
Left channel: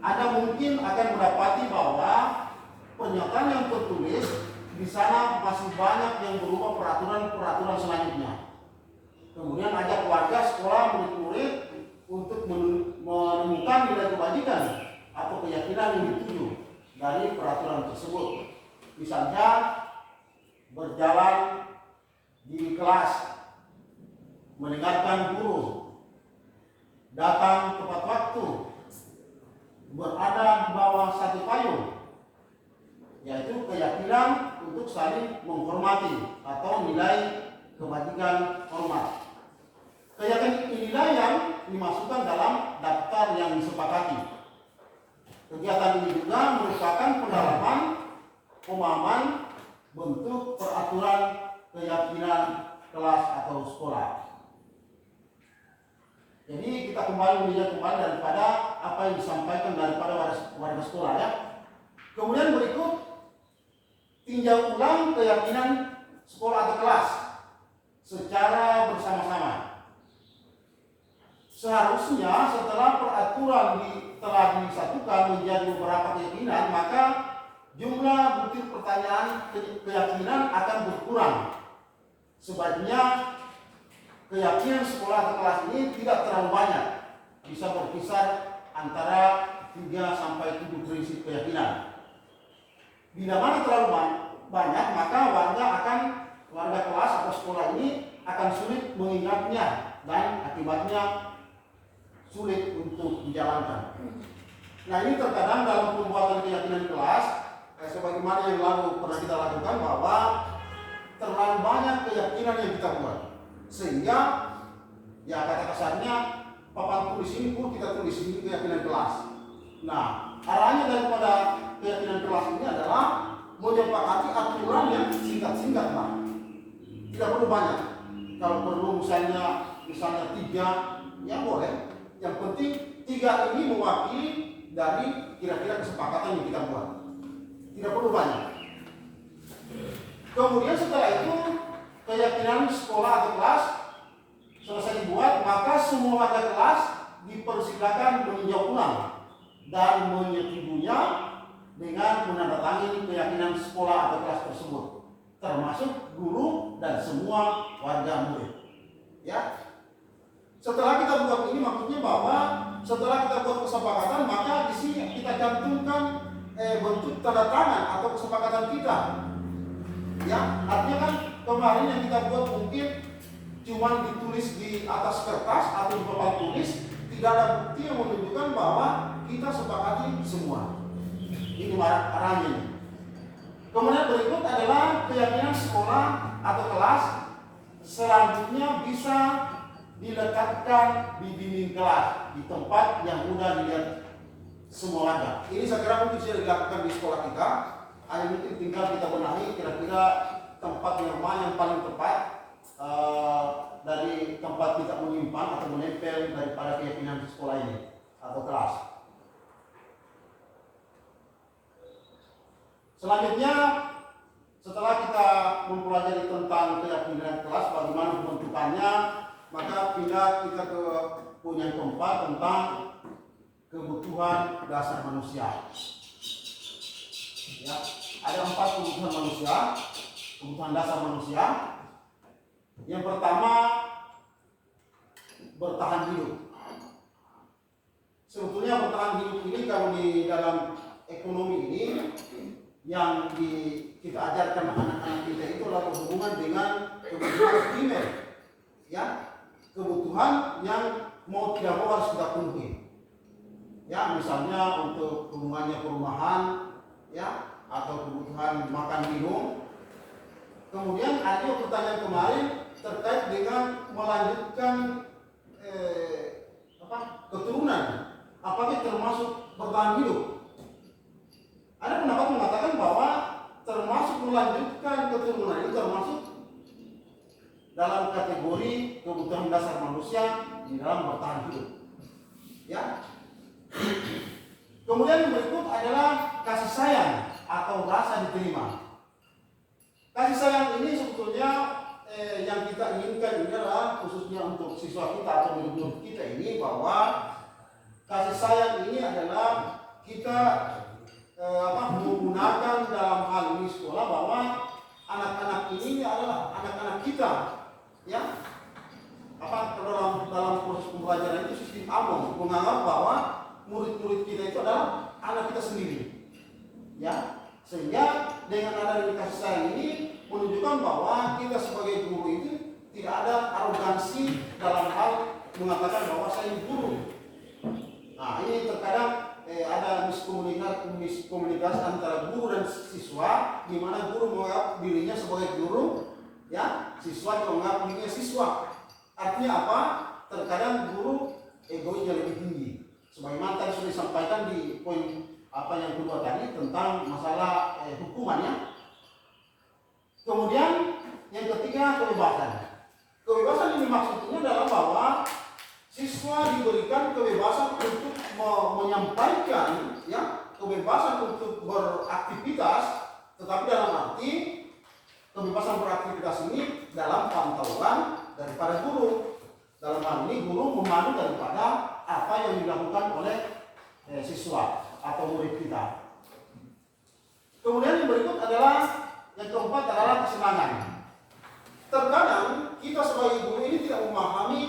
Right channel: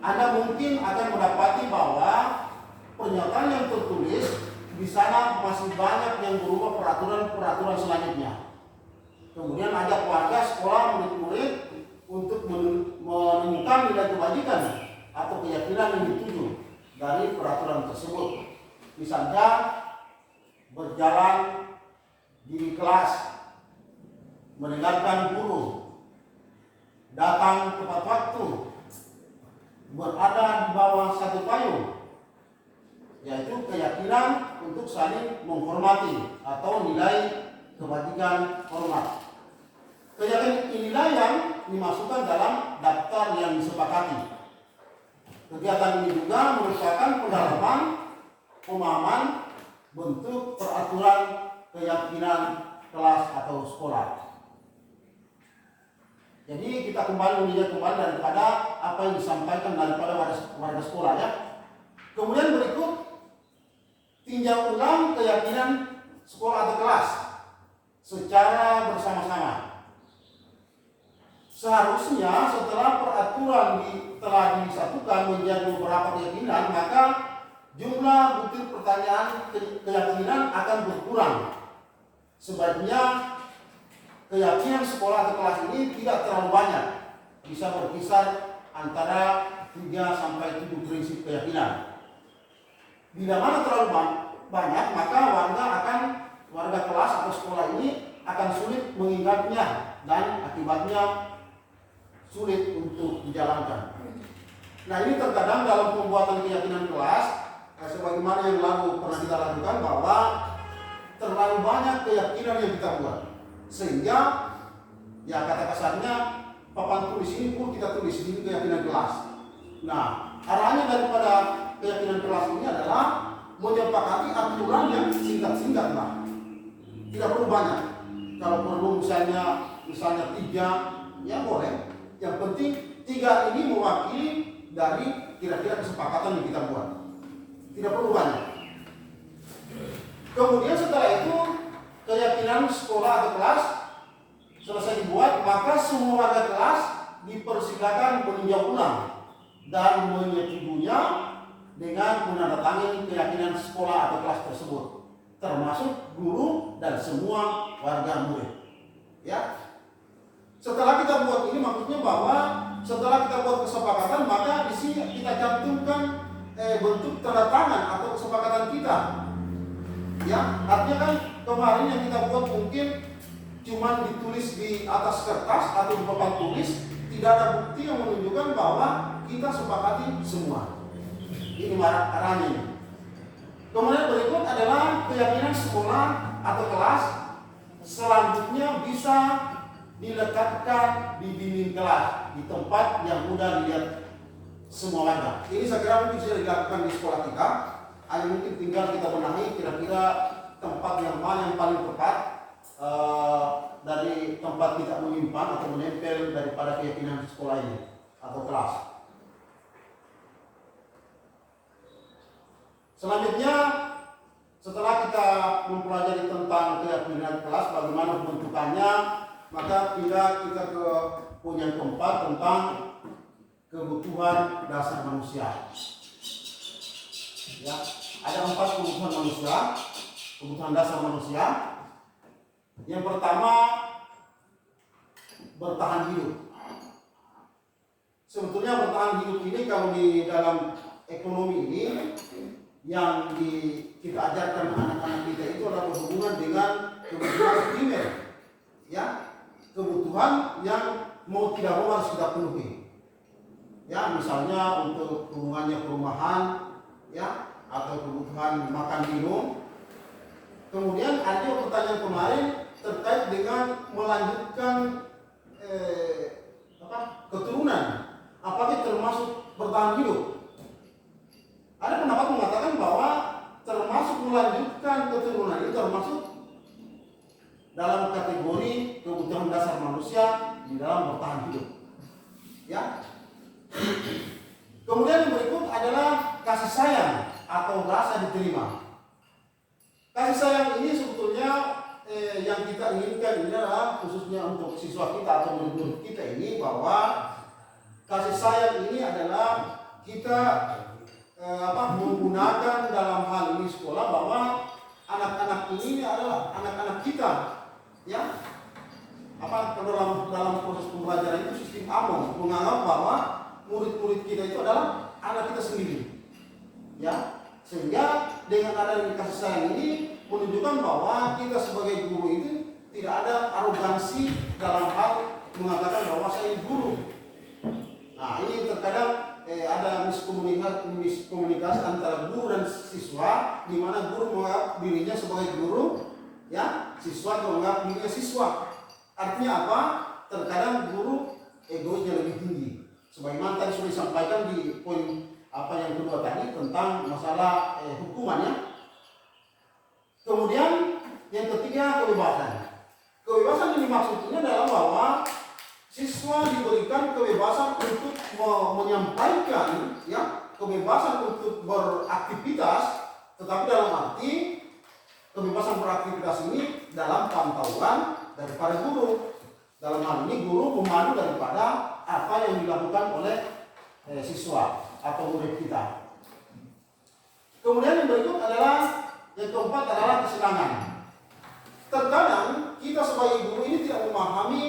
Anda mungkin akan mendapati bahwa pernyataan yang tertulis di sana masih banyak yang berupa peraturan-peraturan selanjutnya. Kemudian ajak warga sekolah murid-murid untuk menemukan nilai kebajikan atau keyakinan yang dituju dari peraturan tersebut. Misalnya berjalan di kelas, mendengarkan guru, datang tepat waktu, berada di bawah satu payung, yaitu keyakinan untuk saling menghormati atau nilai kebajikan hormat. Keyakinan inilah yang dimasukkan dalam daftar yang disepakati. Kegiatan ini juga merupakan pendalaman pemahaman bentuk peraturan keyakinan kelas atau sekolah. Jadi kita kembali melihat kembali daripada apa yang disampaikan daripada warga sekolah ya. Kemudian berikut tinjau ulang keyakinan sekolah atau kelas secara bersama-sama. Seharusnya setelah peraturan telah disatukan menjadi beberapa keyakinan, maka jumlah butir pertanyaan keyakinan akan berkurang. Sebaiknya keyakinan sekolah atau kelas ini tidak terlalu banyak, bisa berkisar antara 3 sampai 7 prinsip keyakinan. Bila mana terlalu banyak, maka warga kelas atau sekolah ini akan sulit mengingatnya dan akibatnya sulit untuk dijalankan. Nah, ini terkadang dalam pembuatan keyakinan kelas, sebagaimana yang lalu pernah kita lakukan, bahwa terlalu banyak keyakinan yang kita buat, sehingga ya kata kasarnya papan tulis ini pun kita tulis ini keyakinan kelas. Nah, arahnya daripada keyakinan kelas ini adalah menyepakati aturan yang singkat-singkat lah, tidak perlu banyak. Kalau perlu misalnya 3, ya boleh. Yang penting 3 ini mewakili dari kira-kira kesepakatan yang kita buat, tidak perlu banyak. Kemudian setelah itu keyakinan sekolah atau kelas selesai dibuat, maka semua warga kelas dipersilakan meninjau ulang dan menyetujuinya dengan menandatangani keyakinan sekolah atau kelas tersebut, termasuk guru dan semua warga murid. Ya, setelah kita buat ini, maksudnya bahwa setelah kita buat kesepakatan, maka di sini kita cantumkan bentuk tanda tangan atau kesepakatan kita. Ya, artinya kan kemarin yang kita buat mungkin cuma ditulis di atas kertas atau di papan tulis, tidak ada bukti yang menunjukkan bahwa kita sepakati semua. Ini arahnya. Kemudian berikut adalah keyakinan sekolah atau kelas selanjutnya bisa diletakkan di dinding kelas, di tempat yang mudah dilihat semua warga. Ini saya kira mungkin bisa dilakukan di sekolah kita. Hanya mungkin tinggal kita benahi kira-kira tempat yang mana yang paling tepat dari tempat kita menyimpan atau menempel daripada keyakinan sekolah ini atau kelas. Selanjutnya, setelah kita mempelajari tentang keyakinan kelas, bagaimana pembentukannya, maka pindah kita ke poin yang keempat tentang kebutuhan dasar manusia. Ya, ada 4 kebutuhan manusia, kebutuhan dasar manusia. Yang pertama, bertahan hidup. Sebetulnya bertahan hidup ini kalau di dalam ekonomi ini yang kita ajarkan anak-anak kita itu adalah berhubungan dengan kebutuhan primer, ya, kebutuhan yang mau tidak mau harus kita penuhi. Ya, misalnya untuk hubungannya perumahan, ya, atau kebutuhan makan minum. Kemudian ada pertanyaan kemarin terkait dengan melanjutkan keturunan, apakah termasuk bertahan hidup? Ada pendapat mengatakan bahwa termasuk melanjutkan keturunan itu termasuk dalam kategori kebutuhan dasar manusia di dalam bertahan hidup. Ya. Kemudian yang berikut adalah kasih sayang atau rasa diterima. Kasih sayang ini sebetulnya yang kita inginkan ini adalah khususnya untuk siswa kita atau murid-murid kita ini, bahwa kasih sayang ini adalah kita menggunakan dalam hal ini sekolah, bahwa anak-anak ini adalah anak-anak kita, ya. Dalam proses pembelajaran itu sistem AMOM menganggap bahwa murid-murid kita itu adalah anak kita sendiri, ya. Sehingga dengan adanya kasih sayang ini menunjukkan bahwa kita sebagai guru itu tidak ada arogansi dalam hal mengatakan bahwa saya guru. Nah, ini terkadang ada miskomunikasi antara guru dan siswa, di mana guru menganggap dirinya sebagai guru, ya, siswa juga menganggap dirinya siswa. Artinya apa? Terkadang guru egoisnya lebih tinggi. Sebagaimana tadi sudah disampaikan di poin yang kedua tadi tentang masalah hukumannya. Kemudian yang ketiga, kebebasan. Kebebasan ini maksudnya adalah bahwa Siswa diberikan kebebasan untuk menyampaikan, ya, kebebasan untuk beraktivitas, tetapi dalam arti kebebasan beraktivitas ini dalam pantauan daripada guru. Dalam hal ini guru memandu daripada apa yang dilakukan oleh siswa atau murid kita. Kemudian yang berikut adalah, yang keempat adalah kesenangan. Terkadang kita sebagai guru ini tidak memahami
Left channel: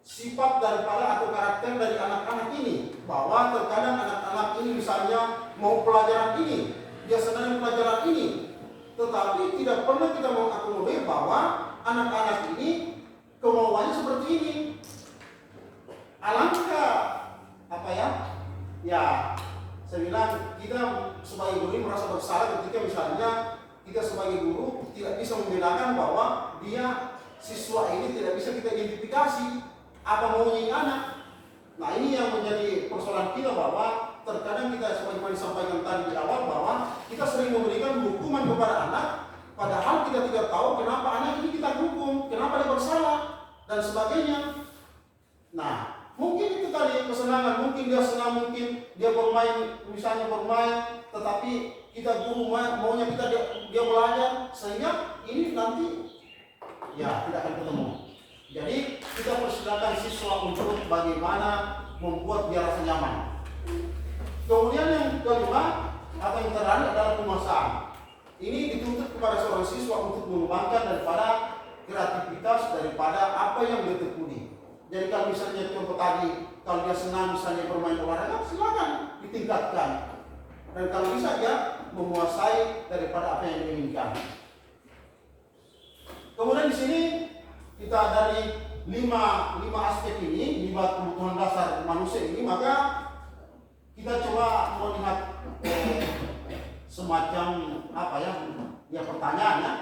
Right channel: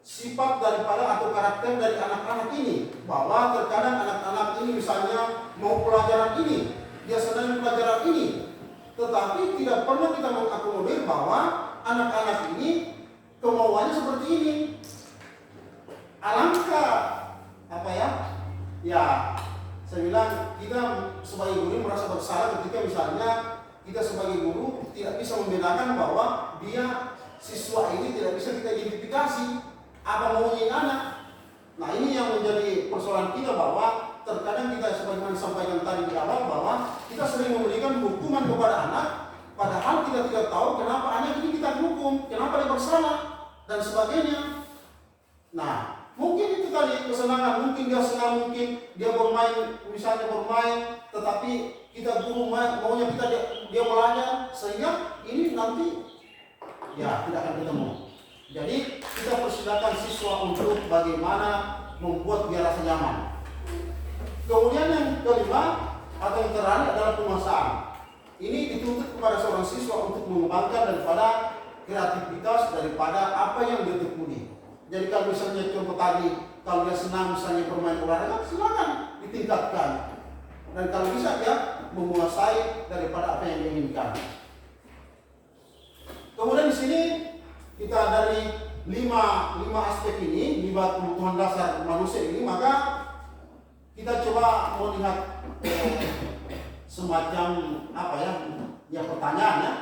sifat daripada atau karakter dari anak-anak ini, bahwa terkadang anak-anak ini misalnya mau pelajaran ini, dia senang pelajaran ini, tetapi tidak pernah kita mengakomodir bahwa anak-anak ini kemauannya seperti ini. Alangkah apa ya? Ya, saya bilang kita sebagai guru merasa bersalah ketika misalnya kita sebagai guru tidak bisa membedakan bahwa dia siswa ini tidak bisa kita identifikasi apa maunya anak. Nah, ini yang menjadi persoalan kita, bahwa terkadang kita sebagaimana disampaikan tadi di awal bahwa kita sering memberikan hukuman kepada anak, padahal kita tidak tahu kenapa anak ini kita hukum, kenapa dia bersalah dan sebagainya. Nah, mungkin itu tadi kesenangan, mungkin dia senang, mungkin dia bermain, misalnya bermain, tetapi kita guru maunya kita dia belajar, sehingga ini nanti ya tidak akan ketemu. Jadi kita persilakan siswa untuk bagaimana membuat dia rasa nyaman. Kemudian yang kelima atau yang terakhir adalah penguasaan. Ini dituntut kepada seorang siswa untuk mengembangkan daripada kreativitas daripada apa yang dia tekuni. Jadi kalau misalnya contoh tadi, kalau dia senang misalnya bermain olahraga, silakan ditingkatkan. Dan kalau bisa dia menguasai daripada apa yang diinginkan. Kemudian di sini kita dari lima aspek ini, 5 kebutuhan dasar manusia ini, maka kita coba melihat semacam apa ya pertanyaannya.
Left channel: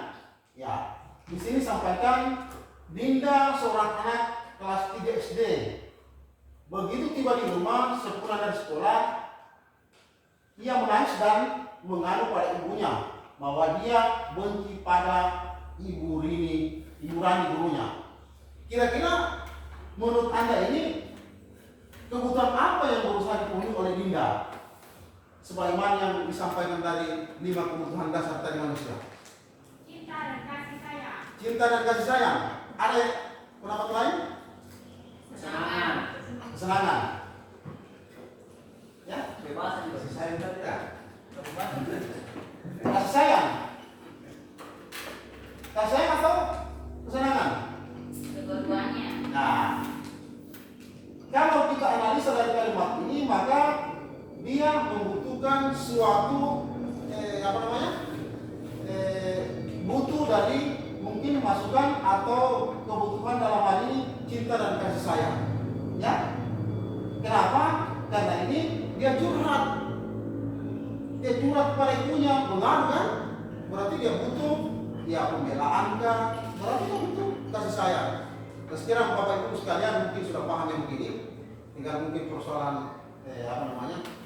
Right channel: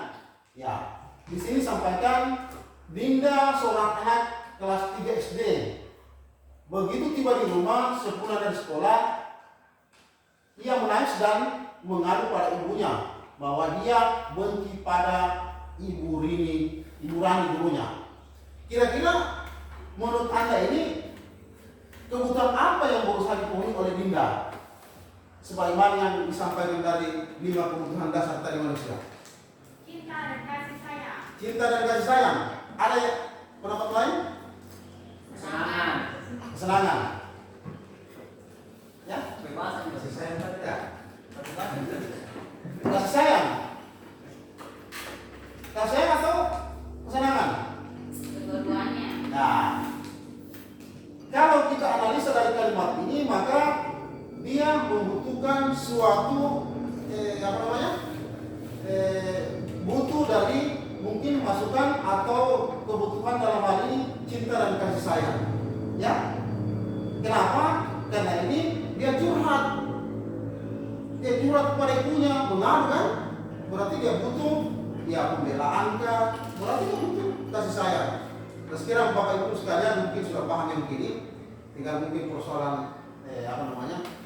Ya, di sini sampaikan Dinda seorang anak kelas 3 SD. Begitu tiba di rumah sepulang dari sekolah, ia menangis dan mengadu pada ibunya bahwa dia benci pada Ibu Rani gurunya. Kira-kira menurut Anda ini kebutuhan apa yang berusaha dipenuhi oleh Dinda? Sebagaimana yang disampaikan dari 5 kebutuhan dasar tadi manusia. Cinta dan kasih sayang. Cinta dan kasih sayang. Ada pendapat lain? Kesenangan. Kesenangan. Ya, Kebebasan. kasih sayang tadi ya. Kebebasan. Kasih sayang. Kasih sayang atau kesenangan? Kedua-duanya. Nah, kalau kita analisa dari kalimat ini, maka dia membutuhkan suatu butuh dari mungkin masukan atau kebutuhan dalam hal ini cinta dan kasih sayang. Ya, kenapa? Karena ini dia curhat kepada ibunya, mengadu kan? Berarti dia butuh pembelaan kah? Berarti dia butuh kasih sayang. Nah, sekiranya Bapak Ibu sekalian mungkin sudah paham yang begini, tinggal mungkin persoalan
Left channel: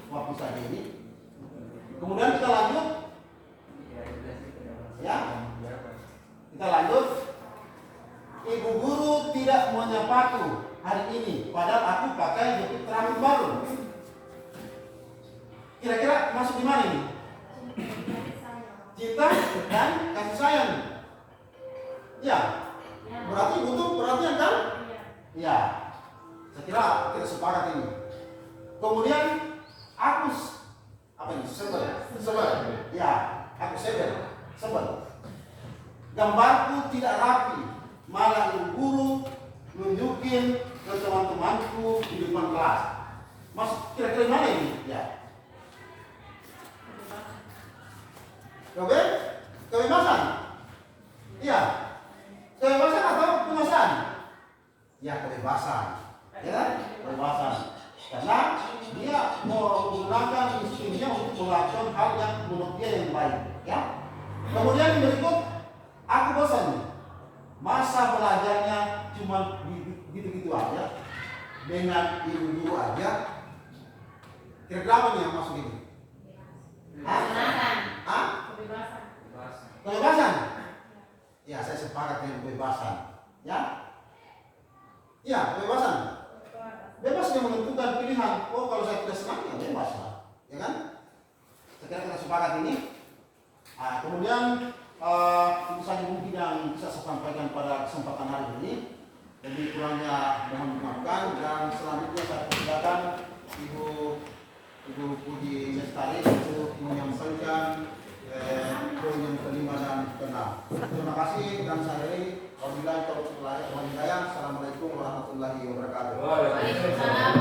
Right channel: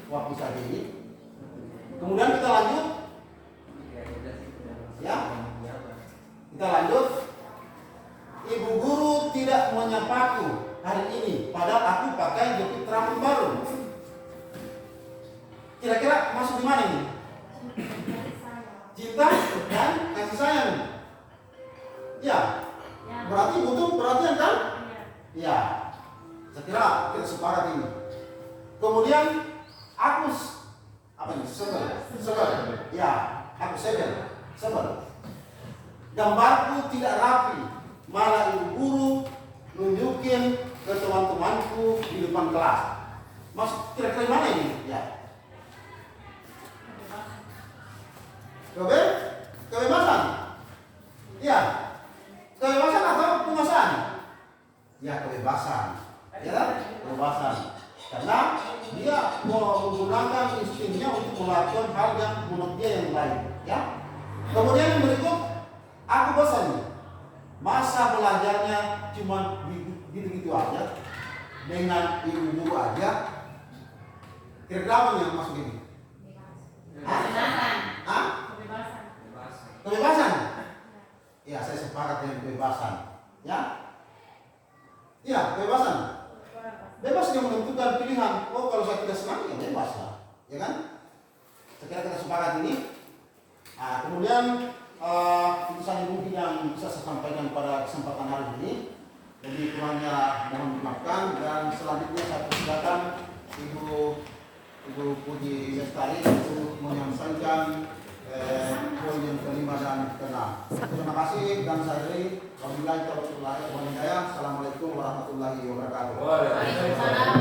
waktu saja ini. Kemudian kita lanjut, ya, kita lanjut. Ibu guru tidak menyapaku hari ini, padahal aku pakai jepit rambut baru. Kira-kira masuk di mana ini? Cinta dan kasih sayang. Ya, berarti butuh perhatian kan? Ya, saya kira kita sepakat ini. Kemudian aku sebel. Ya, aku sebel. Gambarku tidak rapi, malah ibu guru nunjukin ke teman-temanku di depan kelas. Masuk kira-kira mana ini? Ya. Kebebasan. Ya. Kebebasan atau penguasaan? Ya, kebebasan. Ya kan? Kebebasan. Karena dia mau menggunakan instingnya untuk melakukan hal yang menurut dia yang baik. Ya. Kemudian yang berikut, aku bosan nih. Masa belajarnya cuma gitu-gitu aja, dengan ibu guru aja. Kira-kira apa nih yang masuk ini? Kebebasan. Kebebasan. Ya, saya sepakat dengan kebebasan. Ya, kebebasan. bebas dia menentukan pilihan. Oh kalau saya tidak senang ya bebas lah, ya kan? Sekiranya kita sepakat ini. Nah, kemudian itu saja mungkin yang bisa saya sampaikan pada kesempatan hari ini. Jadi kurangnya mohon dimaafkan, dan selanjutnya saya persilakan Ibu Puji Lestari untuk menyampaikan poin yang kelima dan keenam. Terima kasih dan saya akhiri. Wabillahi taufiq wal hidayah. Assalamualaikum warahmatullahi wabarakatuh. Waalaikumsalam.